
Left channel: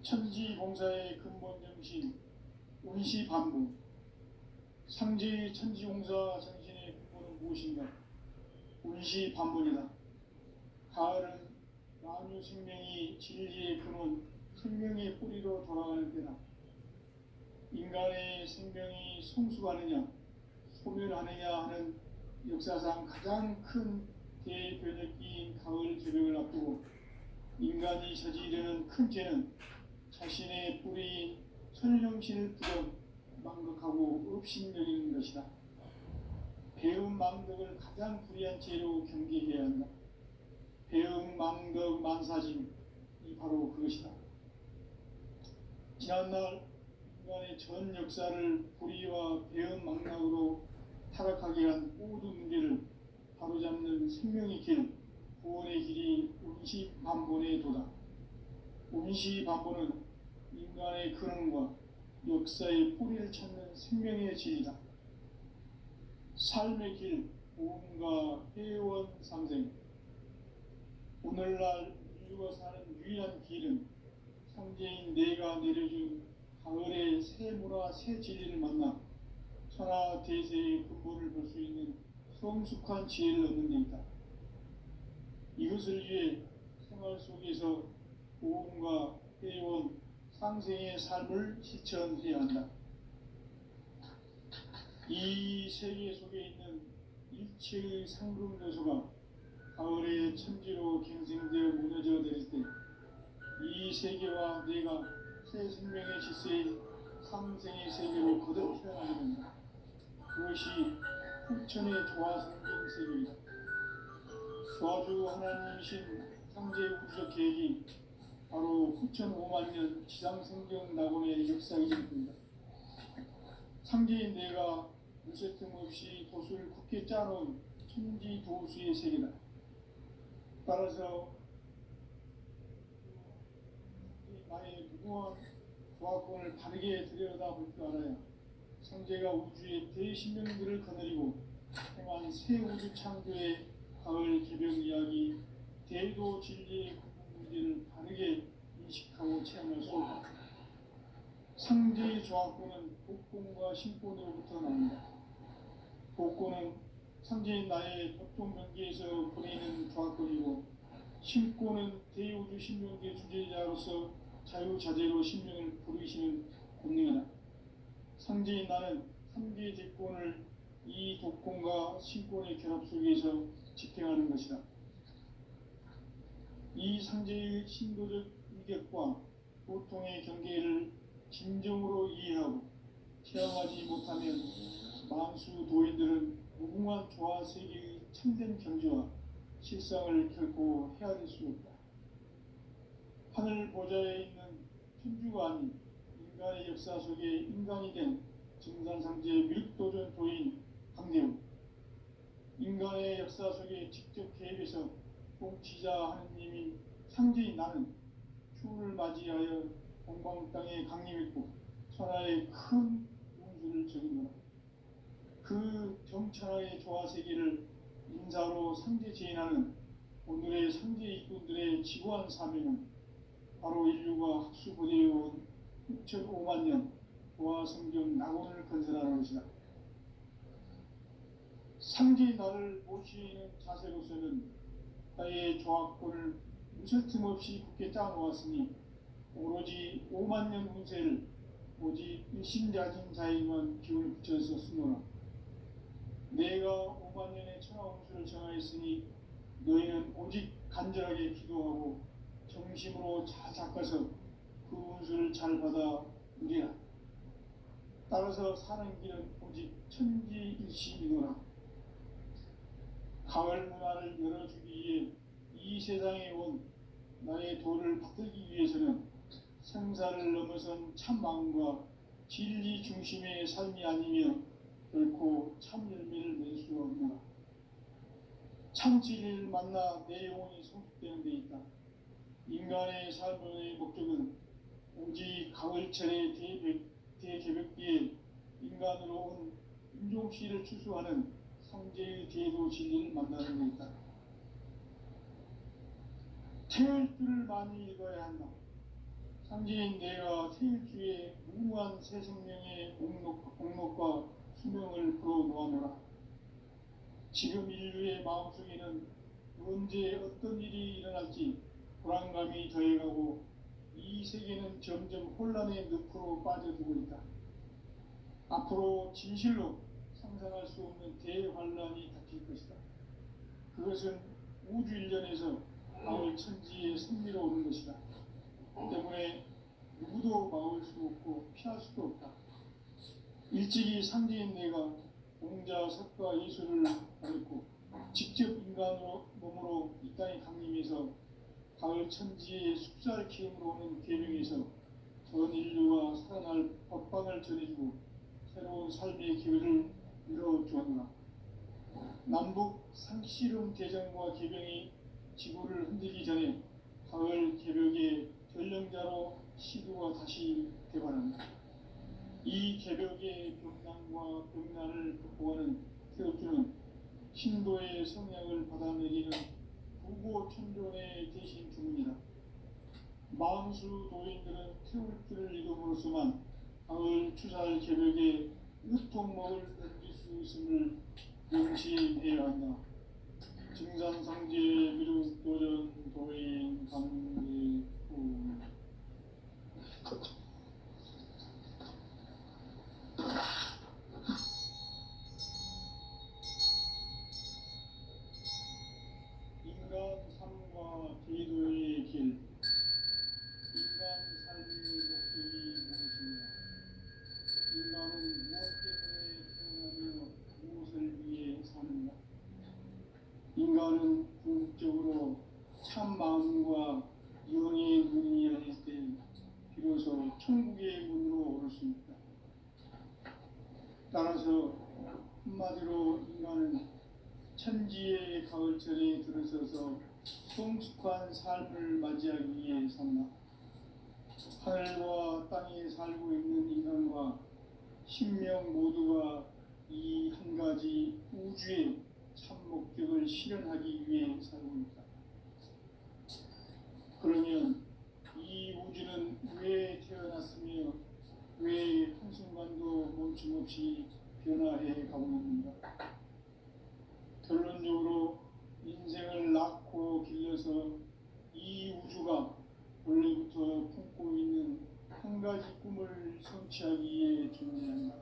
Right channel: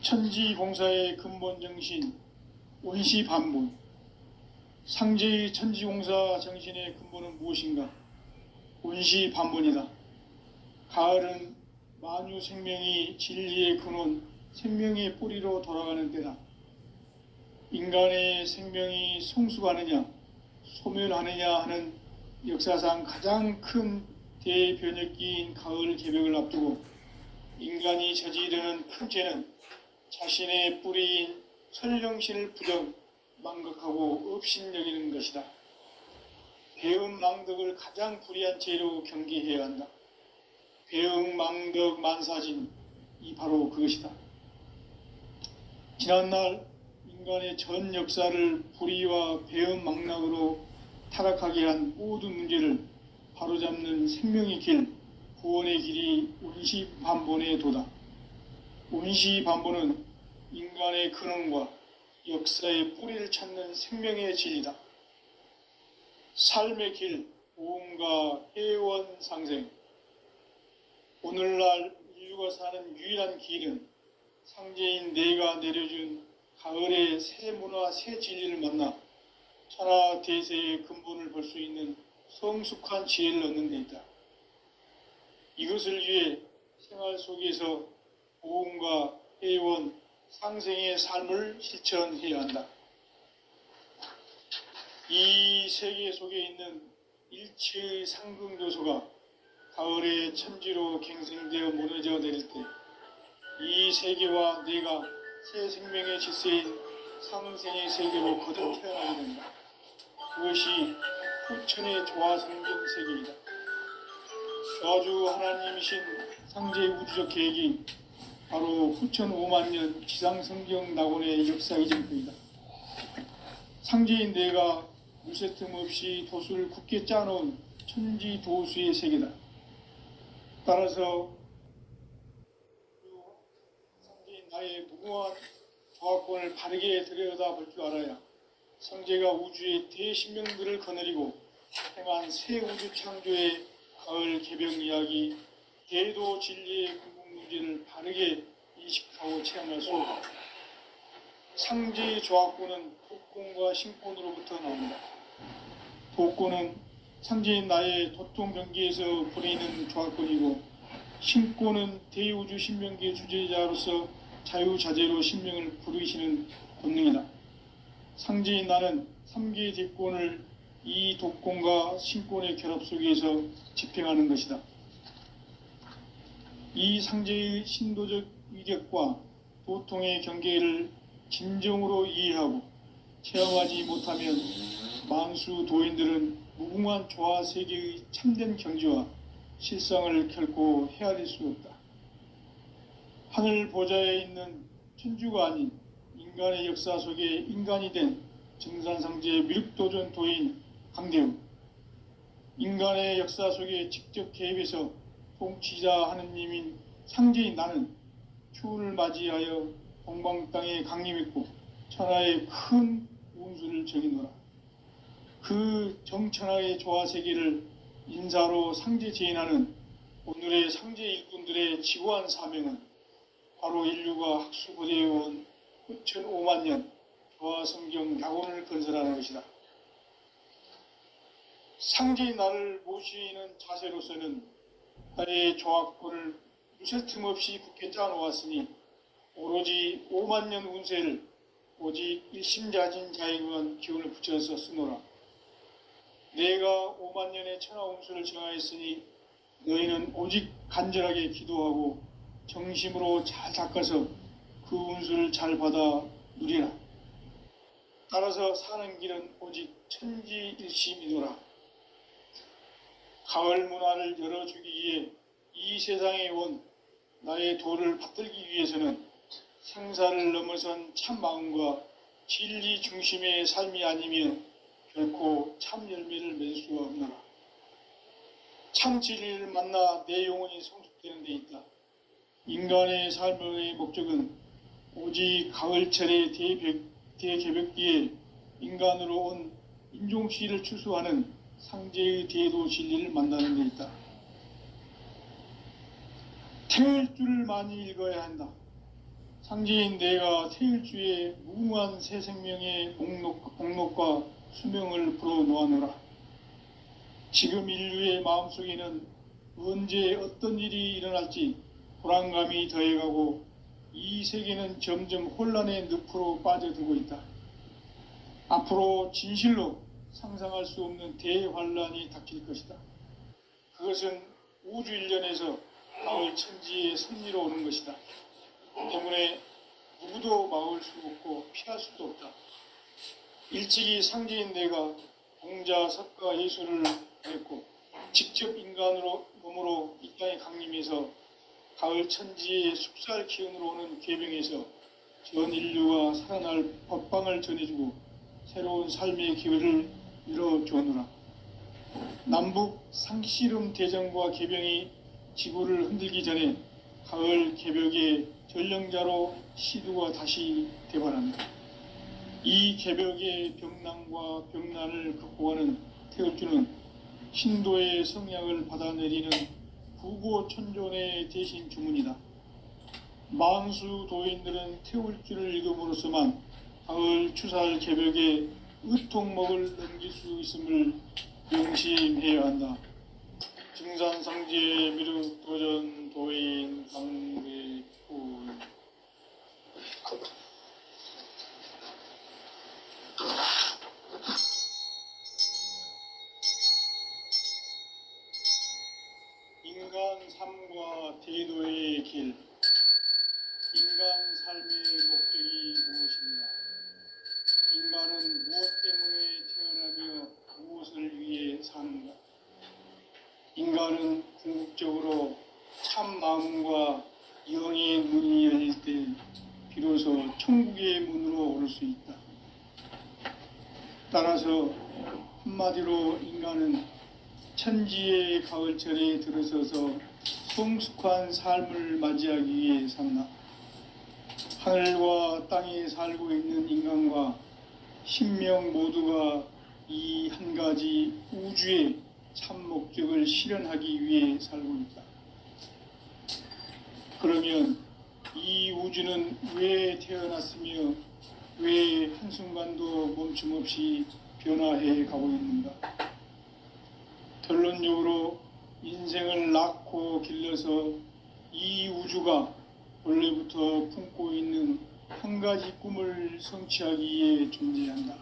천지공사의 근본 정신 원시반분. 상제의 천지공사 정신의 근본은 무엇인가? 원시반분이다. 가을은 만유 생명이 진리의 근원, 생명의 뿌리로 돌아가는 때다. 인간의 생명이 성숙하느냐, 소멸하느냐 하는 역사상 가장 큰 대변혁기인 가을 개벽을 앞두고 인간이 저지르는 큰 죄는 자신의 뿌리인 설령신을 부정 망각하고 업신여기는 것이다. 배은망덕을 가장 불의한 죄로 경계해야 한다. 배은망덕 만사진이 바로 그것이다. 지난날 인간의 전 역사를 불의와 배은망락으로 타락하게 한 모든 문제를 바로잡는 생명의 길, 구원의 길이 원시반본의 도다. 원시반본은 인간의 근원과 역사의 뿌리를 찾는 생명의 진리다. 삶의 길, 보험과 해원 상생. 오늘날 인류가 사는 유일한 길은 상제인 내가 내려준 가을의 새 문화, 새 진리를 만나 천하 대세의 근본을 볼 수 있는 성숙한 지혜를 얻는 데 있다. 이것을 위해 생활 속에서 보험과 해원, 상생의 삶을 실천해야 한다. 이 세계 속에 있는 일체의 상금 요소가 가을의 천지로 갱생되어 무너져 내릴 때 이 세계와 내가 새 생명의 질서인 상생의 세계로 거듭 태어나게 된다. 그것이 후천의 조화성경 세계이다. 조화주 하나님이신 상제의 우주적 계획이 바로 후천 5만 년 지상성경 낙원의 역사 이전입니다. 상제인 내가 무쇠틈 없이 도수를 굳게 짜놓은 천지도수의 세계다. 따라서 상제인 나의 무궁한 조화권을 바르게 들여다볼 줄 알아야 상제가 우주의 대신명들을 거느리고 행한 새 우주 창조의 가을 개벽 이야기, 대도 진리의 문제를 바르게 인식하고 체험할 수 있다. 상제의 조합구는 독권과 신권으로부터 나옵니다. 독권은 상제인 나의 도통 경계에서 부리는 조합권이고, 신권은 대우주 신명계 주제자로서 자유자재로 신명을 부르시는 권능이다. 상제인 나는 3계 대권을 이 독권과 신권의 결합 속에서 집행하는 것이다. 이 상제의 신도적 위격과 고통의 경계를 진정으로 이해하고 체험하지 못하면 만수 도인들은 무궁한 조화 세계의 참된 경지와 실상을 결코 헤아릴 수 없다. 하늘 보좌에 있는 천주가 아닌 인간의 역사 속에 인간이 된 증산상제 미륵도전 도인 강대우, 인간의 역사 속에 직접 개입해서 통치자 하느님인 상제인 나는 추운을 맞이하여 동방 땅에 강림했고 천하의 큰 운수를 정의노라. 그 정천하의 조화세계를 인사로 상제 제인하는 오늘의 상제 일꾼들의 지고한 사명은 바로 인류가 학수고대해온 9,500만 년 조화성경 낙원을 건설하는 것이다. 상제의 나를 모시는 자세로서는 나의 조합권을 무쇠 틈 없이 굳게 짜놓았으니 오로지 5만 년 운세를 오직 일심자진 자에게만 기운을 붙여서 쓰노라. 내가 5만 년의 천하 운수를 정하였으니 너희는 오직 간절하게 기도하고 정심으로 잘 닦아서 그 운수를 잘 받아 누리라. 따라서 사는 길은 오직 천지일심이노라. 가을 문화를 열어주기 위해 이 세상에 온 나의 도를 받들기 위해서는 생사를 넘어선 참 마음과 진리 중심의 삶이 아니면 결코 참 열매를 맺을 수가 없노라. 참 진리를 만나 내 영혼이 성숙되는 데 있다. 인간의 삶의 목적은 오직 가을철의 대개벽기에 인간으로 온 인종시를 추수하는 상제의 대도 진리를 만나는 데 있다. 태일주를 많이 읽어야 한다. 상제인 내가 태일주의 무궁한 새 생명의 목록과 수명을 불어놓아노라. 지금 인류의 마음속에는 언제 어떤 일이 일어날지 불안감이 더해가고 이 세계는 점점 혼란의 늪으로 빠져들고 있다. 앞으로 진실로 상상할 수 없는 대환란이 닥칠 것이다. 그것은 우주 일련에서 가을 천지의 섭리로 오는 것이다. 때문에 누구도 막을 수 없고 피할 수도 없다. 일찍이 상제인 내가 공자, 석가, 예수를 했고 직접 인간으로 몸으로 이 땅에 강림해서 가을 천지의 숲살 기운으로 오는 계명에서 전 인류가 살아날 법방을 전해주고 새로운 삶의 기회를 열어주었노라. 남북 상씨름 대전과 개병이 지구를 흔들기 전에 가을 개벽의 전령자로 시두가 다시 대발한다. 이 개벽의 병난과 병난을 극복하는 태극주는 신도의 성향을 받아내리는 구고천존의 대신 주문이다. 만수 도인들은 태울주를 읽음으로써만 가을 추살 개벽에 의통목을 넘길 수 있음을 명심해야 한다. 증산상제 미륵도전 도인 강대우. 인간 삶과 대도의 길. 인간 삶의 목적이 무엇인가? 인간은 무엇 때문에 태어나며 무엇을 위해 사는가? 인간은 궁극적으로 참 마음과 영의 문이 열릴 때 비로소 천국의 문으로 오를 수 있다. 따라서 한마디로 인간은 천지의 가을철에 들어서서 성숙한 삶을 맞이하기 위해 산다. 하늘과 땅에 살고 있는 인간과 신명 모두가 이 한 가지 우주의 참 목적을 실현하기 위해 살고 있다. 그러면 이 우주는 왜 태어났으며 왜 한순간도 멈춤 없이 변화해 가고 있는가? 결론적으로 인생을 낳고 길러서 이 우주가 원래부터 품고 있는 한 가지 꿈을 성취하기 위해 존재한다.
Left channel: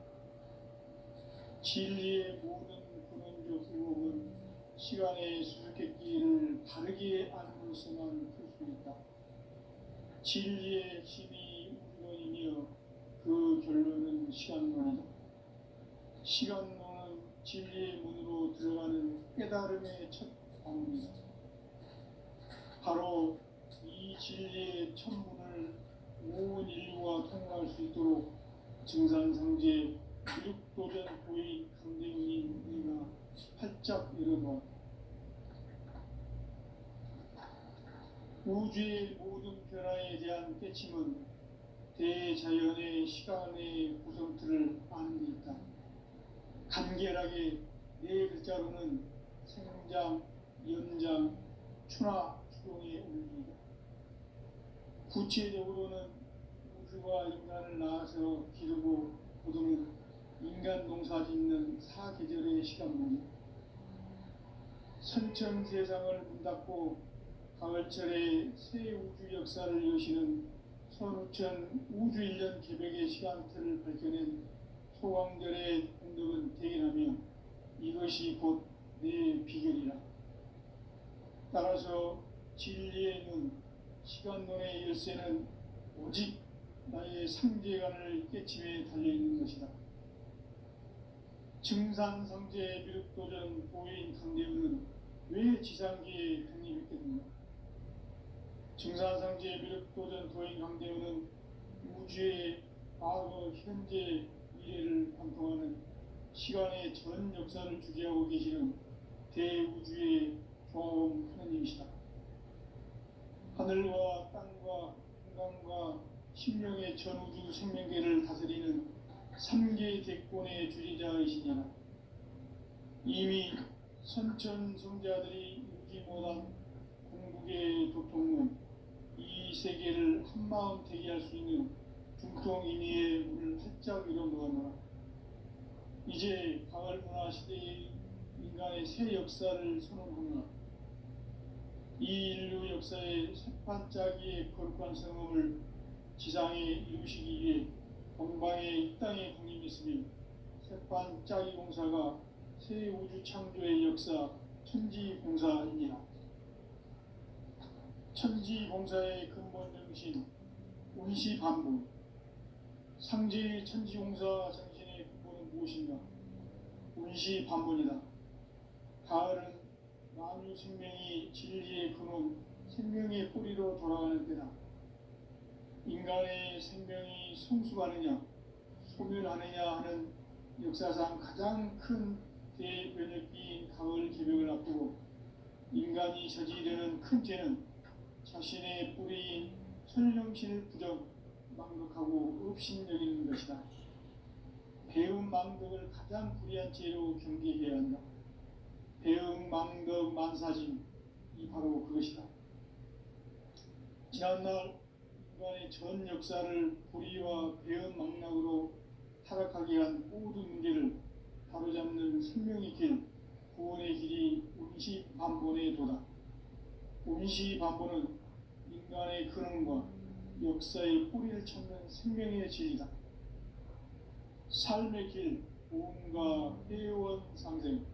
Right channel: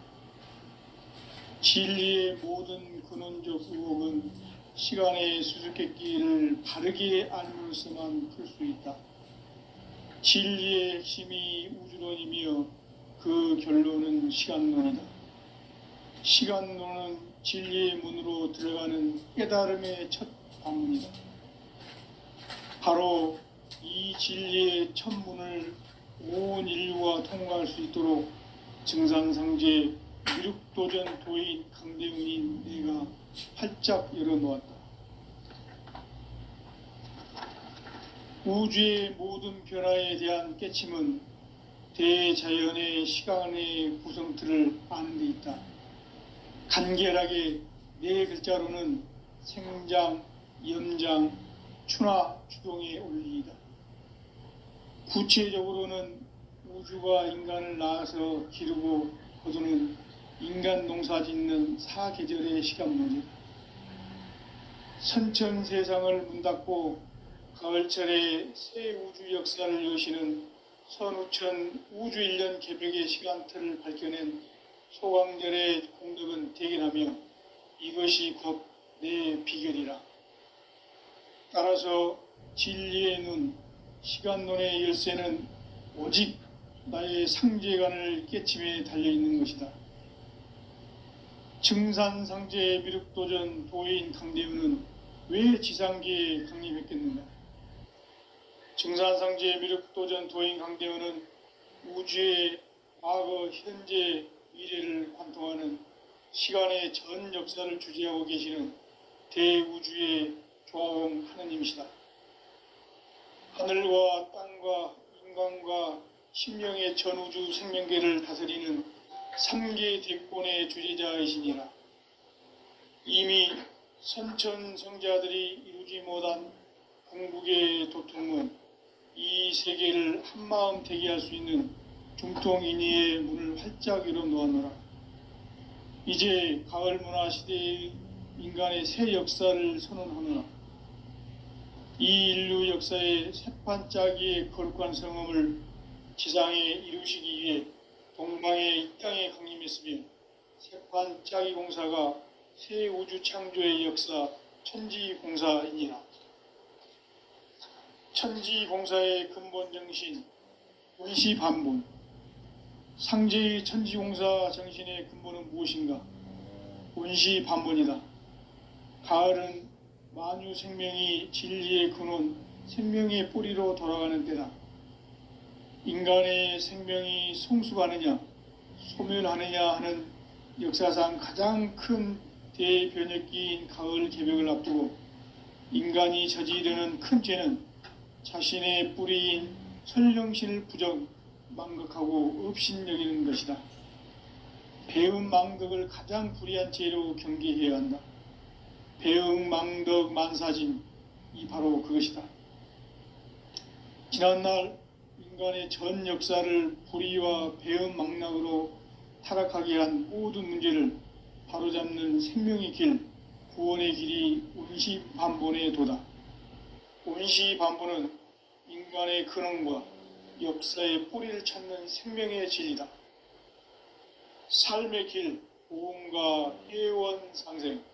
진리의 모든 근원적 의혹은 시간의 수수께끼를 바르게 알므로서만 풀 수 있다. 진리의 핵심이 우주론이며 그 결론은 시간론이다. 시간론은 진리의 문으로 들어가는 깨달음의 첫 방문이다. 바로 이 진리의 첫 문을 온 인류가 통과할 수 있도록 증산상제 미륵도전 도인 강대훈인 내가 활짝 열어놓았다. 우주의 모든 변화에 대한 깨침은 대자연의 시간의 구성틀을 아는 데 있다. 간결하게 네 글자로는 생장, 연장, 추나 추동의 원리이다. 구체적으로는 우주가 인간을 낳아서 기르고 거두는 인간 농사 짓는 사계절의 시간론이다. 선천 세상을 문 닫고 가을철에 새 우주 역사를 여시는 선우천 우주 1년 개벽의 시간틀을 밝혀낸 소강절의 공덕은 대견하며 이것이 곧 내 비결이라. 따라서 진리의 눈, 시간론의 열쇠는 오직 나의 상제관을 깨침에 달려있는 것이다. 증산상제 미륵도전 도인 강대훈은 왜 지상계에 강림했겠는가? 증산상제 미륵도전 도인 강대훈은 우주의 과거, 현재, 미래를 관통하는 시간의 전 역사를 주재하고 계시는 대우주의 조화원 하느님이시다. 하늘과 땅과 인간과 신명의 전우주 생명계를 다스리는 3계 대권의 주재자이시니라. 이미 선천성자들이 이루지 못한 궁극의 도통은 이 세계를 한마음 되게 할 수 있는 중통인의의 문을 활짝 열어놓았노라. 이제 가을 문화 시대의 인간의 새 역사를 선언하노라. 이 인류 역사의 새판짜기의 거룩한 성음을 지상에 이루시기 위해 동방의 이 땅에 강림했으며 새판짜기 공사가 새 우주 창조의 역사 천지공사이니라. 천지공사의 근본 정신 운시반본. 상제의 천지공사 정신의 근본은 무엇인가? 운시반본이다. 가을은 만유 생명이 진리의 근원, 생명의 뿌리로 돌아가는 때다. 인간의 생명이 성숙하느냐, 소멸하느냐 하는 역사상 가장 큰 대변혁기인 가을 개벽을 앞두고 인간이 저지르는 큰 죄는 자신의 뿌리인 선령신을 부정, 망극하고 업신여기는 것이다. 배음 망덕을 가장 불의한 죄로 경계해야 한다. 배음 망덕 만사진, 이 바로 그것이다. 지난날 인간의 전 역사를 불의와 배음 망락으로 타락하게 한 모든 문제를 바로잡는 생명의 길, 구원의 길이 운시반본의 도다. 운시반본은 인간의 근원과 역사의 뿌리를 찾는 생명의 진리다. 삶의 길, 보험과 회원 상생.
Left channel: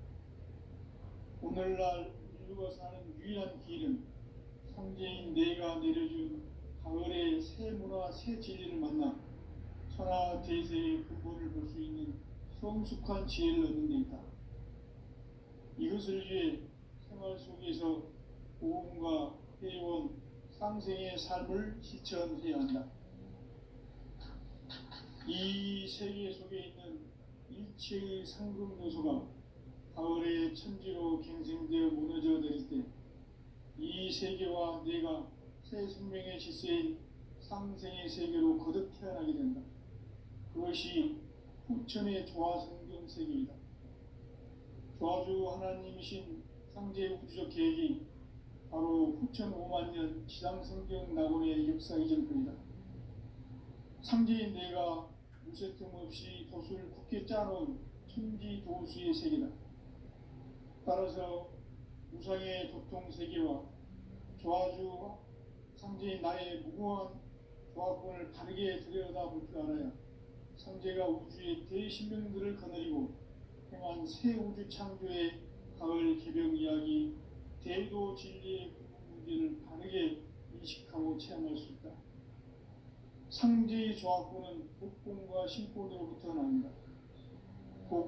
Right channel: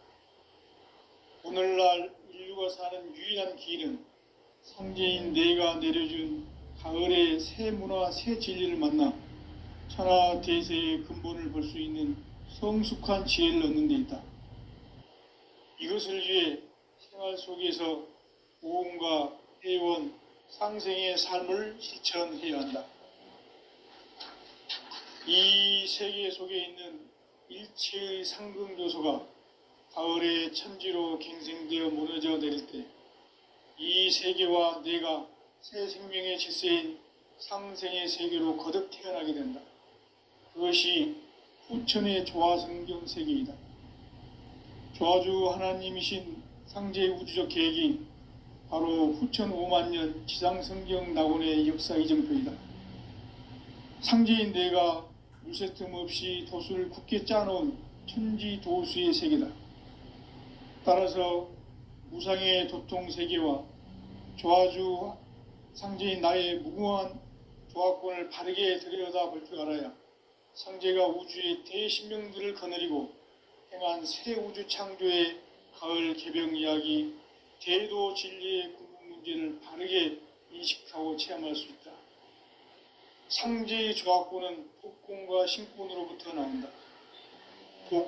오늘날 인류가 사는 유일한 길은 상제인 내가 내려준 가을의 새 문화, 새 진리를 만나 천하 대세의 근본을 볼 수 있는 성숙한 지혜를 얻는 데 있다. 이것을 위해 생활 속에서 보험과 회원, 상생의 삶을 실천해야 한다. 이 세계 속에 있는 일체의 상승 요소가 가을의 천지로 갱생되어 무너져 내릴 때 이 세계와 내가 새 생명의 질서인 상생의 세계로 거듭 태어나게 된다. 그것이 후천의 조화성경 세계이다. 조화주 하나님이신 상제의 우주적 계획이 바로 후천 5만 년 지상성경 낙원의 역사 이정표이다. 상제인 내가 무쇠틈 없이 도수를 굳게 짜놓은 천지도수의 세계다. 따라서 무상의 도통 세계와 조화주 상제인 나의 무궁한 조화권을 바르게 들여다볼 줄 알아야 상제가 우주의 대신명들을 거느리고 행한 새 우주 창조의 가을 개병 이야기, 대도 진리의 궁극 문제를 바르게 인식하고 체험할 수 있다. 상제의 조합구는 복권과 신권으로부터 나온다. 복권